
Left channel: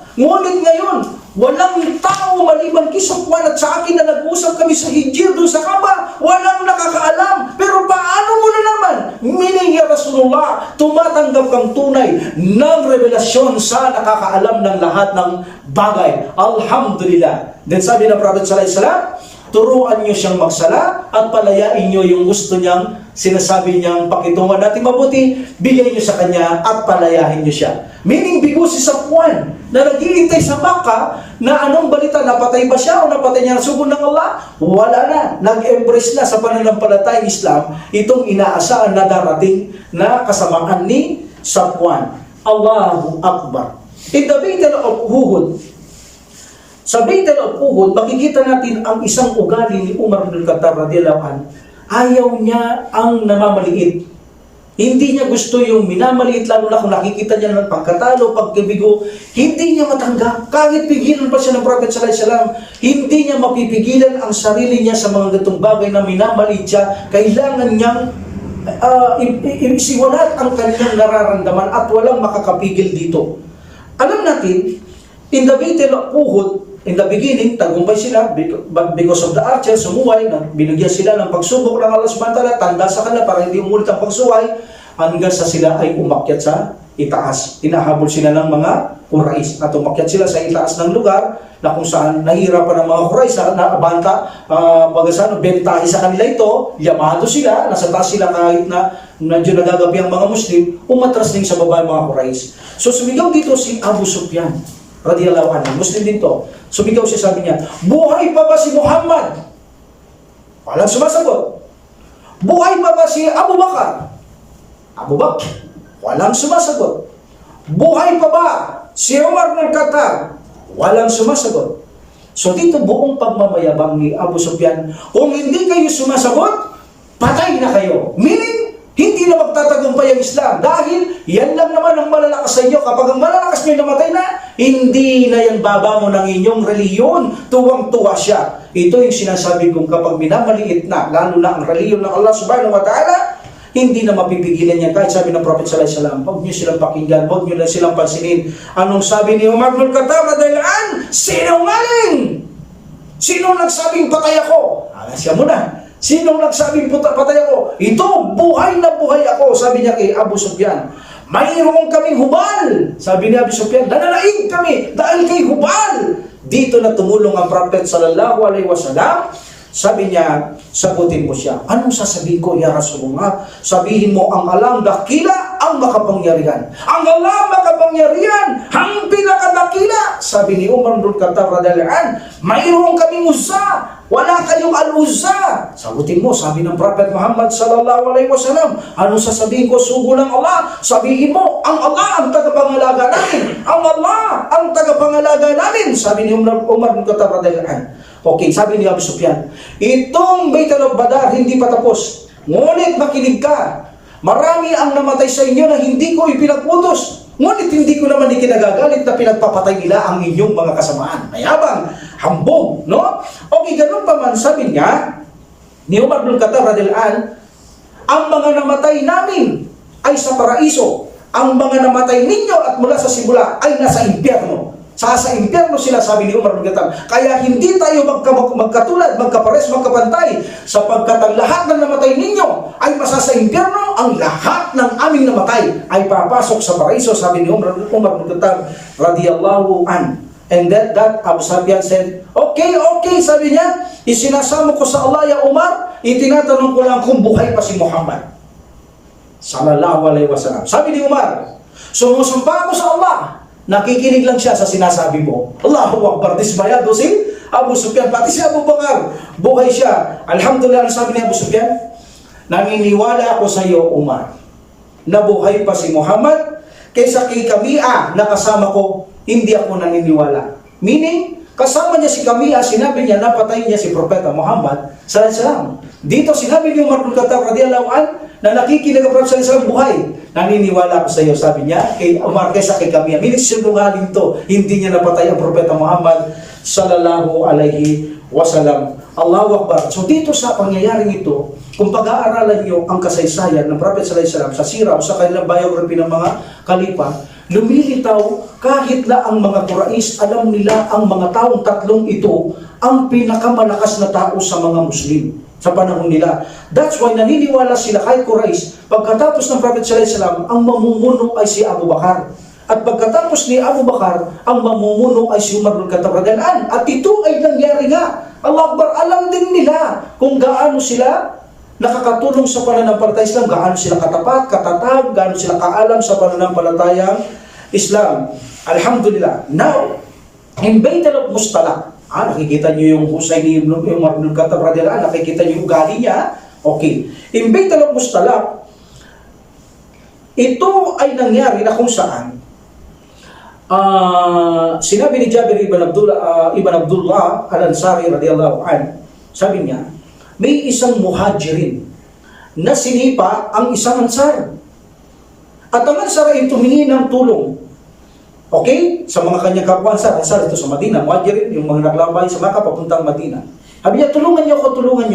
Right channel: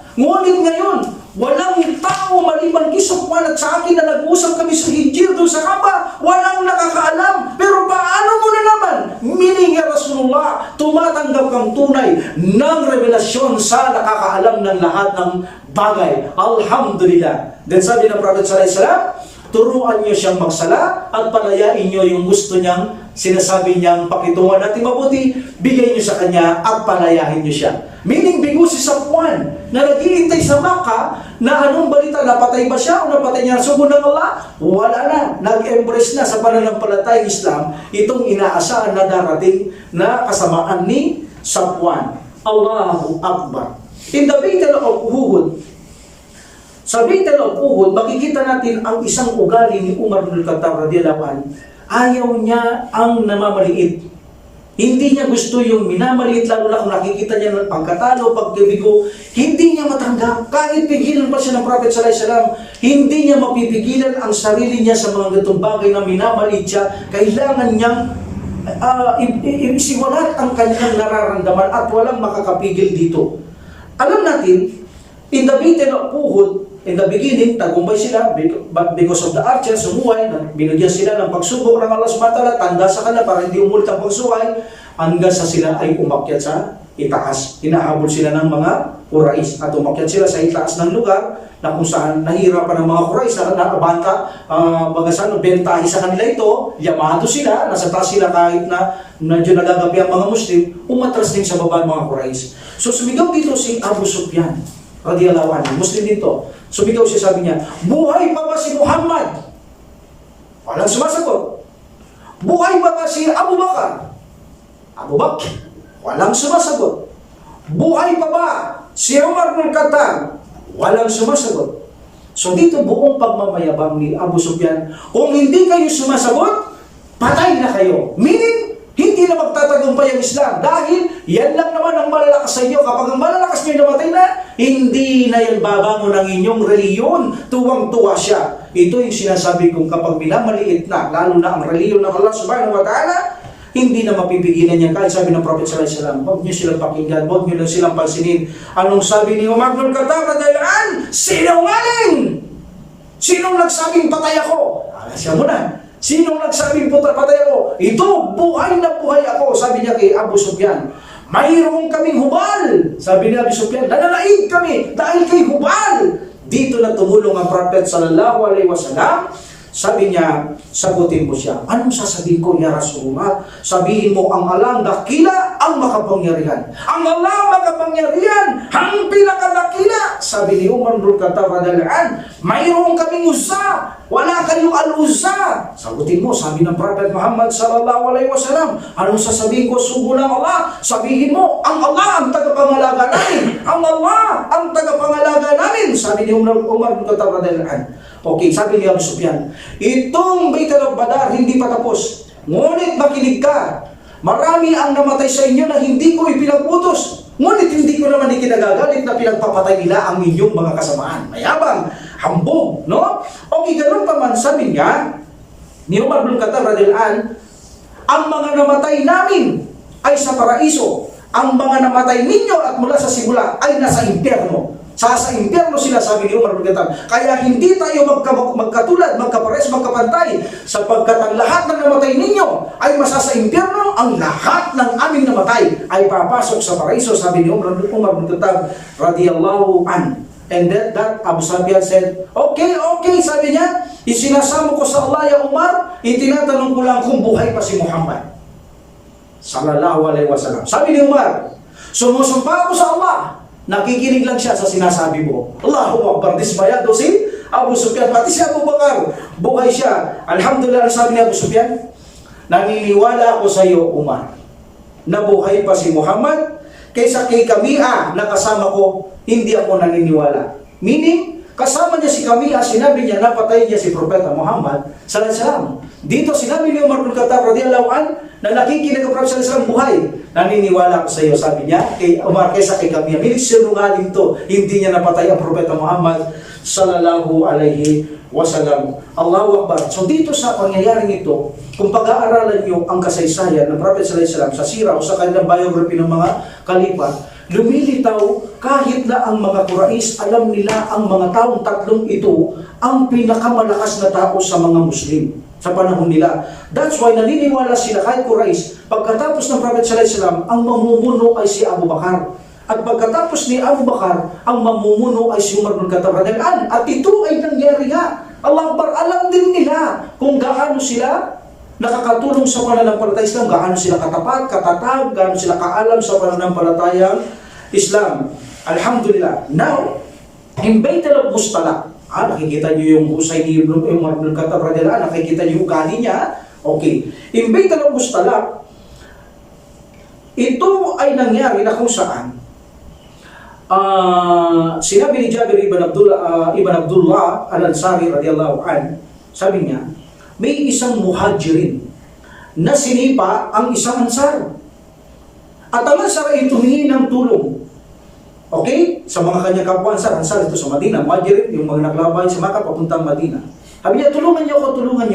walang tao maliban kay Safwan at sa akin na nag-usap kami sa Hijr doon sa Kaaba. Walang nakakaalam. Pero paano mo na naman? Meaning, ya Rasulullah, tumatanggap kang tunay ng revelasyon sa nakakaalam ng lahat ng bagay. Alhamdulillah. Then sabi ng Prophet sallallahu alaihi wasallam, turuan niyo siyang magsala at palayain niyo yung gusto niyang sinasabi niyang pakitungan natin mabuti, bigay niyo sa kanya at palayahin niyo siya. Meaning, bigo si Safwan na nag-iintay sa Makkah na anong balita, napatay ba siya o napatay niya ang sugo ng Allah? Wala na. Nag-embrace na sa pananampalatayang Islam itong inaasahan na darating na kasamaan ni Safwan. Allahu Akbar. In the Battle of Uhud, sa Battle of Uhud, makikita natin ang isang ugali ni Umar bin Khattab radhiyallahu anhu. Ayaw niya ang namamaliit. Hindi niya gusto yung minamaliit, lalo na kung nakikita niya ng pagkatalo, pagkabigo. Hindi niya matanggap. Kahit pigilan pa siya ng Prophet sallallahu alaihi wasallam, hindi niya mapipigilan ang sarili niya sa mga ganitong bagay na minamaliit siya. Kailangan niyang isiwalat ang kanyang nararamdaman at walang makakapigil dito. Alam natin, in the Battle of Uhud, in the beginning, tagumpay sila, but because of the archers, sumuway, binigyan sila ng pagsubok ng Allah subhanahu wa ta'ala, tanda sa kanila para hindi umulit ang pagsuway, hanggang sa sila ay umakyat sa itaas. Hinahabol sila ng mga Quraysh at umakyat sila sa itaas ng lugar na kung saan nahihirapan ng mga Quraysh na abanta, bentahe sa kanila ito, yamado sila, nasa taas sila kahit na medyo nagagapi ang mga Muslim, umatras din sa baba ang mga Quraysh. So sumigaw dito si Abu Sufyan radhiyallahu anhu, Muslim din to. Sumigaw siya, sabi niya, buhay pa ba si Muhammad? Walang sumasagot. Buhay pa ba si Abu Bakar? Abu Bakar. Walang sumasagot. Buhay pa ba si Umar bin Khattab? Walang sumasagot. So dito buong pagmamayabang ni Abu Sufyan, kung hindi kayo sumasagot, patay na kayo. Meaning, hindi na magtatagumpay ang Islam dahil yan lang naman ang malalakas sa inyo. Kapag ang malalakas nyo namatay na, hindi na yan babangon ng inyong reliyon. Tuwang-tuwa siya. Ito yung sinasabi kong kapag minamaliit na, lalo na ang reliyon ng Allah subhanahu wa ta'ala, Hindi na mapipigilan niya. Kahit sabi ng Prophet sallallahu alaihi wasallam, huwag niyo silang pakinggan, huwag niyo lang silang pansinin. Anong sabi ni Umar bin Khattab radhiyallahu anhu? Sinungaling! Sinong nagsabing patay ako? Siya muna. Sinong nagsabing patay ako? Ito, buhay na buhay ako. Sabi niya kay Abu Sufyan. Mayroon kaming hubal. Sabi ni Abu Sufyan, nananaig kami dahil kay hubal. Dito na tumulong ang Prophet sallallahu alaihi wasallam. Sabi niya, sagutin mo siya. Anong sasabihin ko, ya Rasulullah? Sabihin mo, ang alam dakila, ang makapangyarihan. Ang alam makapangyarihan, ang pinakadakila. Sabi ni Umar bin Khattab radhiyallahu anhu, mayroon kaming Uzza, wala kayong Al-Uzza. Sagutin mo, sabi ng Prophet Muhammad sallallahu alaihi wasallam, anong sasabihin ko, sugo ng Allah? Sabihin mo, ang Allah ang tagapangalaga namin. Ang Allah ang tagapangalaga namin. Sabi ni Umar bin Khattab radhiyallahu anhu. Okay, sabi ni Abu Sufyan, itong Baitul Badar hindi pa tapos. Ngunit makinig ka. Marami ang namatay sa inyo na hindi ko ipinag-utos. Ngunit hindi ko naman ikinagagalit na pinagpapatay nila ang inyong mga kasamaan. Mayabang, hambog, no? Okay, ganun pa man, sabi niya, ni Umar bin Khattab radhiyallahu anhu, ang mga namatay namin ay sa paraiso. Ang mga namatay ninyo at mula sa simula ay nasa impyerno. Sa impyerno sila, sabi ni Umar bin Khattab. Kaya hindi tayo magkatulad, magkapares, magkapantay, sapagkat ang lahat ng namatay ninyo ay masasa impyerno, ang lahat ng aming namatay ay papasok sa paraiso, sabi ni Umar bin Khattab radiyallahu an. And that Abu Sufyan said, okay, sabi niya, isinasamo ko sa Allah ya Umar, itinatanong ko lang kung buhay pa si Muhammad sallallahu alaihi wasallam. Sabi ni Umar, sumusumpa ako sa Allah. Nakikinig lang siya sa sinasabi mo. Allahu Akbar, dismayado si Abu Sufyan. Pati si Abu Bakar, buhay siya. Alhamdulillah, sabi ni Abu Sufyan, naniniwala ako sa iyo, Umar, na buhay pa si Muhammad, kaysa kay Kamia na kasama ko, hindi ako naniniwala. Meaning, kasama niya si Kamia, sinabi niya, napatay niya si Propeta Muhammad sallallahu alaihi wasallam. Dito sinabi ni Umar bin Khattab radhiyallahu anhu na nakikinig ang Prophet sallallahu alaihi wasallam buhay. Naniniwala ko sa iyo, sabi niya, kay Umar kaysa kay Kamia. Meaning, sinungaling to. Hindi niya napatay ang Propeta Muhammad sallallahu alaihi wasallam. Allahu Akbar. So dito sa pangyayaring ito, kung pag-aaralan niyo ang kasaysayan ng Prophet sallallahu alaihi wasallam sa sira o sa kanilang biography ng mga kalipa, lumilitaw kahit na ang mga Quraysh, alam nila ang mga taong tatlong ito ang pinakamalakas na tao sa mga Muslim sa panahon nila. That's why naniniwala sila kahit Quraysh, pagkatapos ng Prophet sallallahu alaihi wasallam, ang mamumuno ay si Abu Bakar. At pagkatapos ni Abu Bakar, ang mamumuno ay si Umar bin Khattab radhiyallahu anhu. At ito ay nangyari nga. Allah Akbar, alam din nila kung gaano sila nakakatulong sa pananampalatayang Islam, gaano sila katapat, katatag, gaano sila kaalam sa pananampalatayang Islam. Alhamdulillah. Now, in Baitul Mustalaq, nakikita niyo yung husay ni Umar bin Khattab radhiyallahu anhu, nakikita niyo yung ugali niya. Okay. In Baitul Mustalaq, ito ay nangyari na kung saan sinabi ni Jabir ibn Abdullah al-Ansari radhiyallahu anhu, sabi niya, may isang muhajirin na sinipa ang isang ansar. At ang ansar ay tumingi ng tulong. Okay? Sa mga kanyang kapwa ansar ito sa Madina, muhajirin, yung mga naglabay sa Makkah papuntang Madina. Sabi niya, tulungan niyo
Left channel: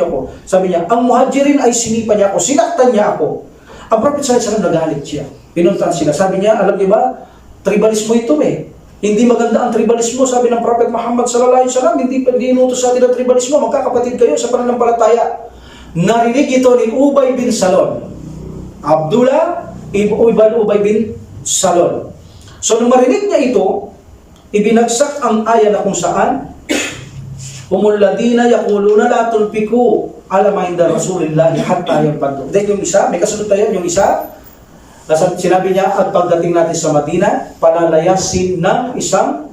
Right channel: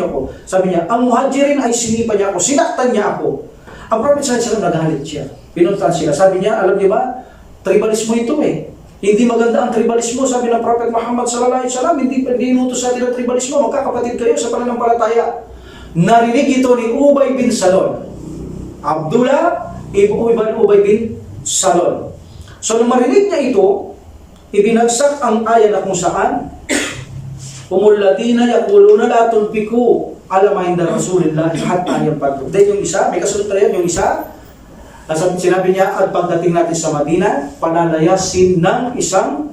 ako. Sabi niya, ang muhajirin ay sinipa niya ako, sinaktan niya ako. Ang Prophet sallallahu alaihi wasallam nagalit siya. Pinuntahan sila. Sabi niya, alam niyo ba, tribalismo ito eh. Hindi maganda ang tribalismo, sabi ng Prophet Muhammad sallallahu alaihi wasallam. Hindi inutos sa atin ang tribalismo. Magkakapatid kayo sa pananampalataya. Narinig ito ni Ubay bin Salul. Abdullah ibn Ubay bin Salul. So nung marinig niya ito, ibinagsak ang aya na kung saan humul ladina yaquluna la tulfiku ala ma inda Rasulillah hatta yanfadu. Then yung isa, may kasunod tayo, yung isa, sinabi niya, at pagdating natin sa Madina, palalayasin ng isang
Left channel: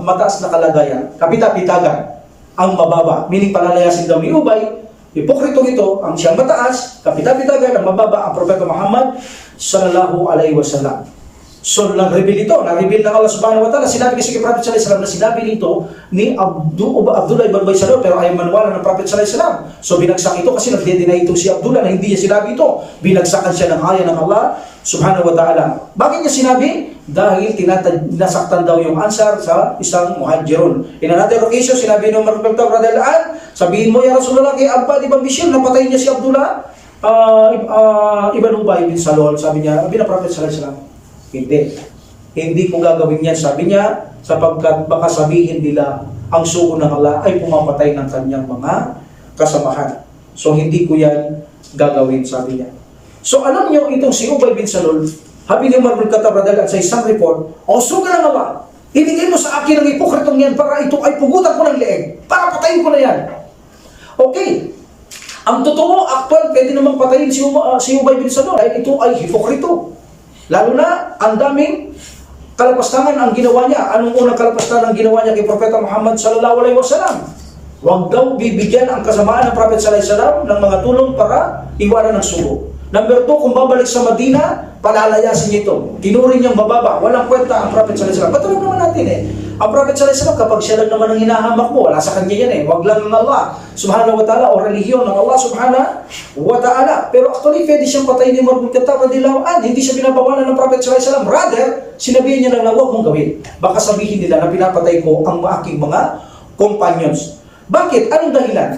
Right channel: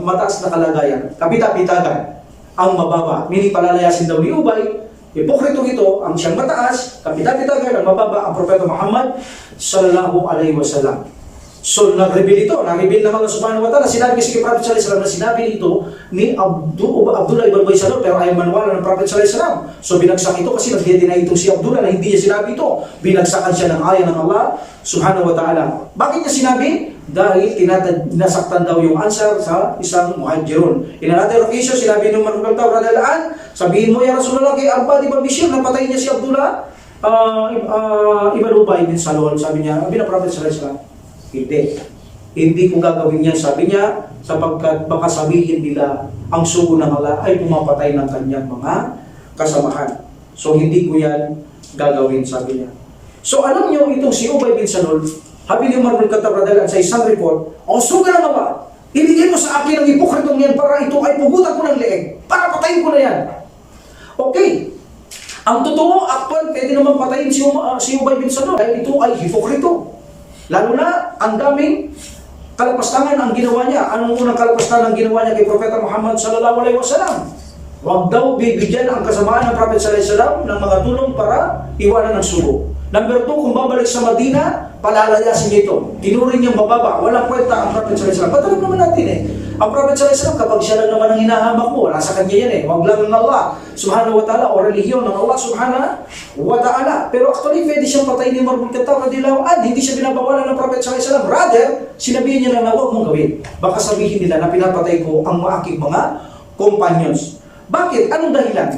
mataas na kalagayan, kapita-pitagan, ang mababa. Meaning palalayasin daw ni Ubay, hipokritong ito, ang siyang mataas, kapita-pitagan, ang mababa, ang Propeta Muhammad sallallahu alaihi wasallam. So, nag-reveal ito. Nag-reveal ng Allah subhanahu wa ta'ala. Sinabi kasi kay Prophet sallallahu alaihi wasallam na sinabi nito ni Abdullah ibn Ubay Salul, pero ayaw maniwala ng Prophet sallallahu alaihi wasallam. So, binagsak ito kasi nag-deny ito si Abdullah na hindi niya sinabi ito. Binagsakan siya ng aya ng Allah subhanahu wa ta'ala. Bakit niya sinabi? Dahil nasaktan daw yung ansar sa isang muhajirun. In another occasion, sinabi ng Umar bin Khattab radhiyallahu anhu, sabihin mo ya Rasulullah kay Abbad ibn Bishr, napatay niya si Abdullah. Ibn Ubay bin Salul, sabi niya, sabi na Prophet sallallahu alaihi wasallam, hindi ko gagawin yan, sabi niya, sapagkat baka sabihin nila ang sugo ng Allah ay pumapatay ng kanyang mga kasamahan. So hindi ko yan gagawin, sabi niya. So alam niyo, itong si Ubay bin Salul, sabi ni Umar bin Khattab radhiyallahu anhu sa isang report, sugo ng Allah, ibigay mo sa akin ang ipokritong yan para ito ay pugutan ko ng leeg, para patayin ko na yan. Okay. Ang totoo, actual, pwede naman patayin si Ubay bin Salul dahil ito ay hipokrito. Lalo na, ang daming kalapastangan ang ginawa niya. Anong unang kalapastangan ang ginawa niya kay Propeta Muhammad sallallahu alaihi wasallam? Huwag daw bibigyan ang kasamaan ng Prophet sallallahu alaihi wasallam ng mga tulong para iwanan ng sugo. Number 2, kung babalik sa Madina, palalayasin niya ito. Tinuring niyang mababa. Walang kwenta ang Prophet sallallahu alaihi wasallam. Patulog naman natin Ang Prophet sallallahu alaihi wasallam, kapag siya lang naman ang hinahamak mo, wala sa kanya yan Huwag lang ng Allah subhanahu wa ta'ala o relihiyon ng Allah subhanahu wa ta'ala. Pero actually, pwede siyang patayin ni Umar bin Khattab radhiyallahu anhu. Hindi siya binabawalan ng Prophet sallallahu alaihi wasallam. Rather, sinabihin niya lang na huwag mong gawin. Baka sabihin nila na pinapatay ko ang aking mga companions. Bakit? Anong dahilan?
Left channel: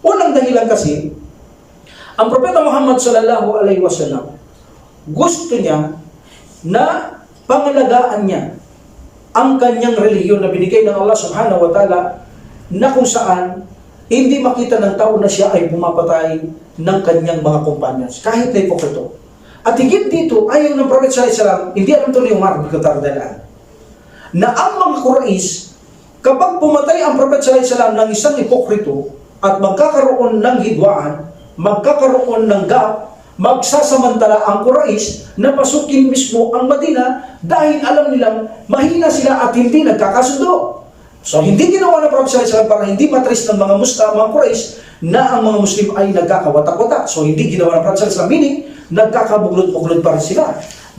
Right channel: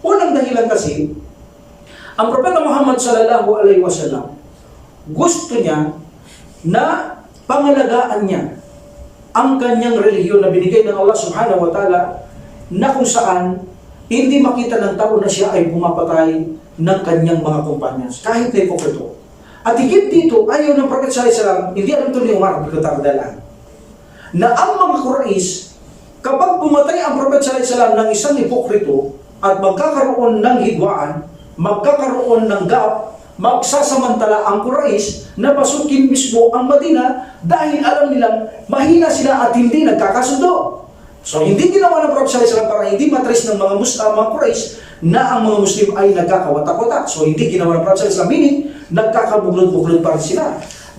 Unang dahilan kasi, ang Propeta Muhammad sallallahu alaihi wasallam, gusto niya na pangalagaan niya ang kanyang relihiyon na binigay ng Allah subhanahu wa ta'ala, na kung saan hindi makita ng tao na siya ay pumapatay ng kanyang mga companions, kahit na hipokrito. At higit dito, ayaw ng Prophet sallallahu alaihi wasallam, hindi alam ito ni Umar bin Khattab na ang mga Quraysh, kapag pumatay ang Prophet sallallahu alaihi wasallam ng isang hipokrito at magkakaroon ng hidwaan, magkakaroon ng gap, magsasamantala ang Quraysh na pasukin mismo ang Madina dahil alam nilang mahina sila at hindi nagkakasundo. So hindi ginawa ng Prophet sallallahu alaihi wasallam para hindi matris ng mga mga Quraysh na ang mga Muslim ay nagkakawatak-watak. So hindi ginawa ng Prophet sallallahu alaihi wasallam, meaning nagkakabuglod-buglod pa rin sila.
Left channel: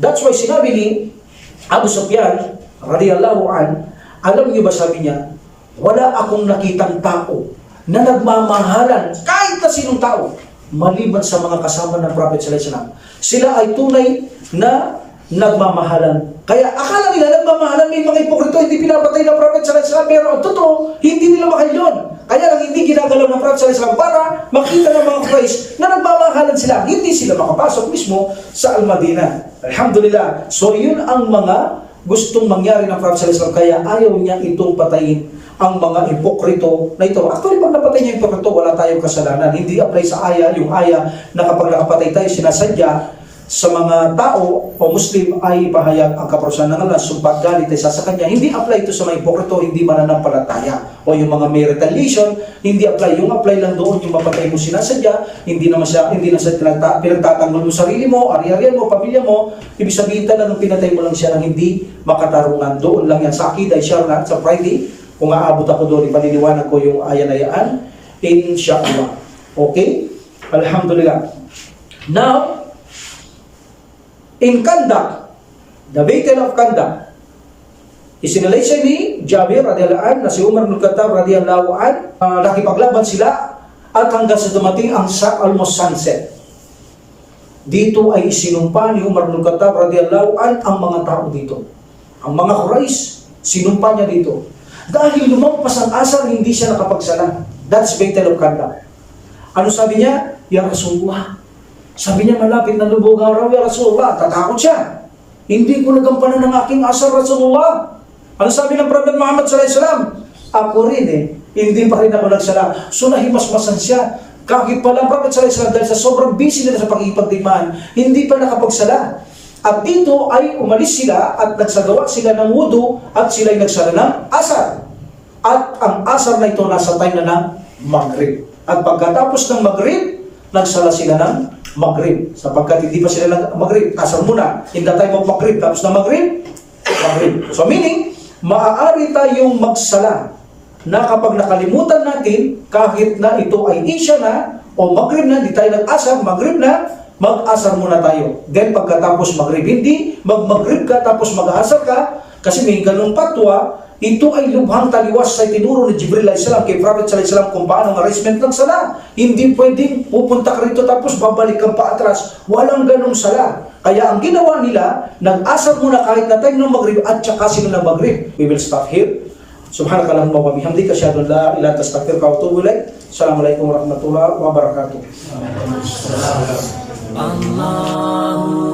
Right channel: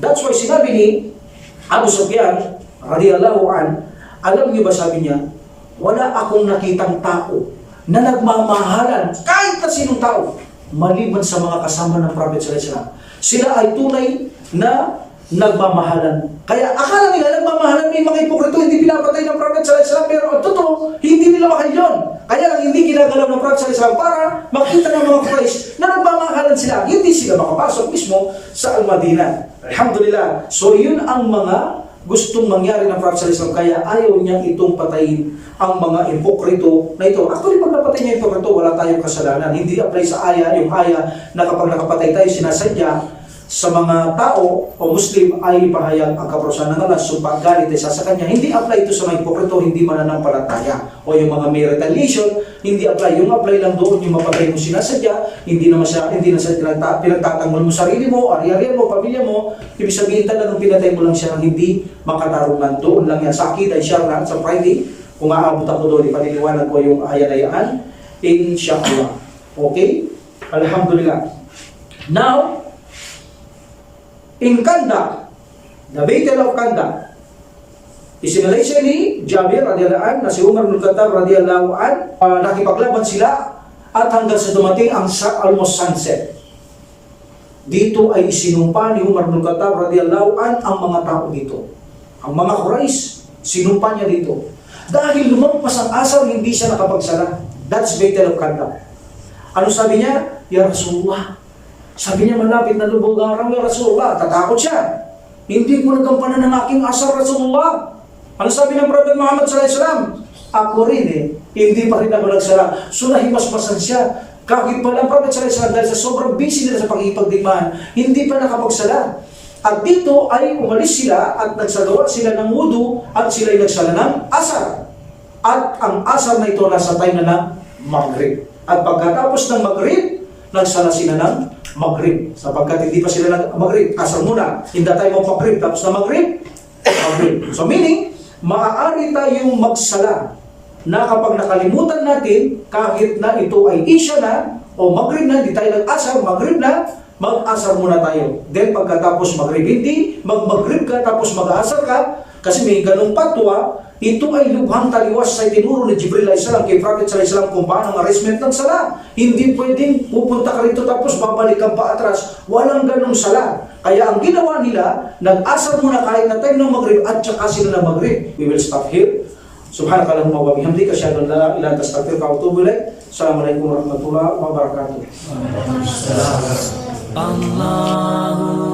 That's why sinabi ni Abu Sufyan radhiyallahu an, alam niyo ba, sabi niya, wala akong nakitang tao na nagmamahalan kahit na sinong tao maliban sa mga kasama ng Prophet sallallahu alaihi wasallam. Sila ay tunay na nagmamahalan. Kaya akala nila nagmamahalan, may mga hipokrito hindi pinapatay ng Prophet sallallahu alaihi wasallam, pero ang totoo, hindi nila mahal yun. Kaya lang hindi ginagalaw ng Prophet sallallahu alaihi wasallam para makita ng mga Quraysh na nagmamahalan sila. Hindi sila makapasok mismo sa Al-Madinah. Alhamdulillah. So yun ang mga gustong mangyari ng Prophet sallallahu alaihi wasallam, kaya ayaw niya itong patayin ang mga hipokrito na ito. Actually, pag napatay niya yung hipokrito, wala tayong kasalanan. Hindi apply sa aya, yung aya na kapag nakapatay tayo, sinasadya sa mga tao o Muslim ay pahayag ang kaparusahan ng Allah, sumpah galit ay sa kanya. Hindi apply ito sa mga hipokrito, hindi mananampalataya. O yung mga may retaliation, hindi apply. Yung apply lang doon, yung mapatay mo sinasadya, hindi na siya pinagtatanggol mo sarili mo, ari-arian mo, pamilya mo. Ibig sabihin talagang pinatay mo lang siya ng hindi makatarungan. Doon lang yan. Sa Akida, inshallah, sa Friday, kung aabot ako doon, ipaliliwanag ko yung aya na yan, inshallah. Okay? Alhamdulillah. Now, in Kandak, the Battle of Kandak, isinalaysay ni Jabir radhiyallahu anhu na si Umar bin Khattab radhiyallahu anhu, nakipaglaban sila at hanggang sa dumating ang almost sunset. Dito ay isinumpa ni Umar bin Khattab radhiyallahu anhu ang mga tao dito. Ang mga Quraysh, sinumpa niya dito. Dahil lumampas ang asar, hindi siya nakapagsala. That's Battle of Kandak. Ano sabi niya? Ya Rasulullah. Sabi niya, malapit na lubog ang araw, ya Rasulullah. Tatakot siya. Hindi ko nagampanan ng aking asar, Rasulullah. Ano sabi ng Prophet Muhammad sallallahu alaihi wasallam? Ako rin hindi pa rin ako nagsala. So nahimasmasan siya. Kahit pala ang Prophet sallallahu alaihi wasallam, dahil sa sobrang busy nila sa pag-ipagdigmaan, hindi pa nakapagsala. At dito ay umalis sila at nagsagawa sila ng wudu at sila ay nagsala ng asar. At ang asar na ito nasa time na ng Maghrib. At pagkatapos ng Maghrib, nagsala sila ng Maghrib. Sapagkat hindi pa sila ng Maghrib, asar muna. In the time of Maghrib, tapos na Maghrib, Maghrib. So meaning, maaari tayong magsala na kapag nakalimutan natin, kahit na ito ay Isha na o Maghrib na, hindi tayo nag-asar, Maghrib na, mag-asar muna tayo. Then pagkatapos Maghrib, hindi mag-Maghrib ka tapos mag-asar ka, kasi may ganung patwa. Ito ay lubhang taliwas sa tinuro ni Jibril alayhis salam kay Prophet sallallahu alaihi wasallam kung paano ang arrangement ng sala. Hindi pwedeng pupunta ka rito tapos babalik kang paatras. Walang ganung sala. Kaya ang ginawa nila, nag-asar muna kahit na time ng Maghrib at saka sila ng Maghrib. We will stop here. Subhanakallahumma wa bihamdika, asyhadu an la ilaha illa anta, astaghfiruka wa atubu ilaik. Assalamualaikum warahmatullahi wabarakatuh. Allahu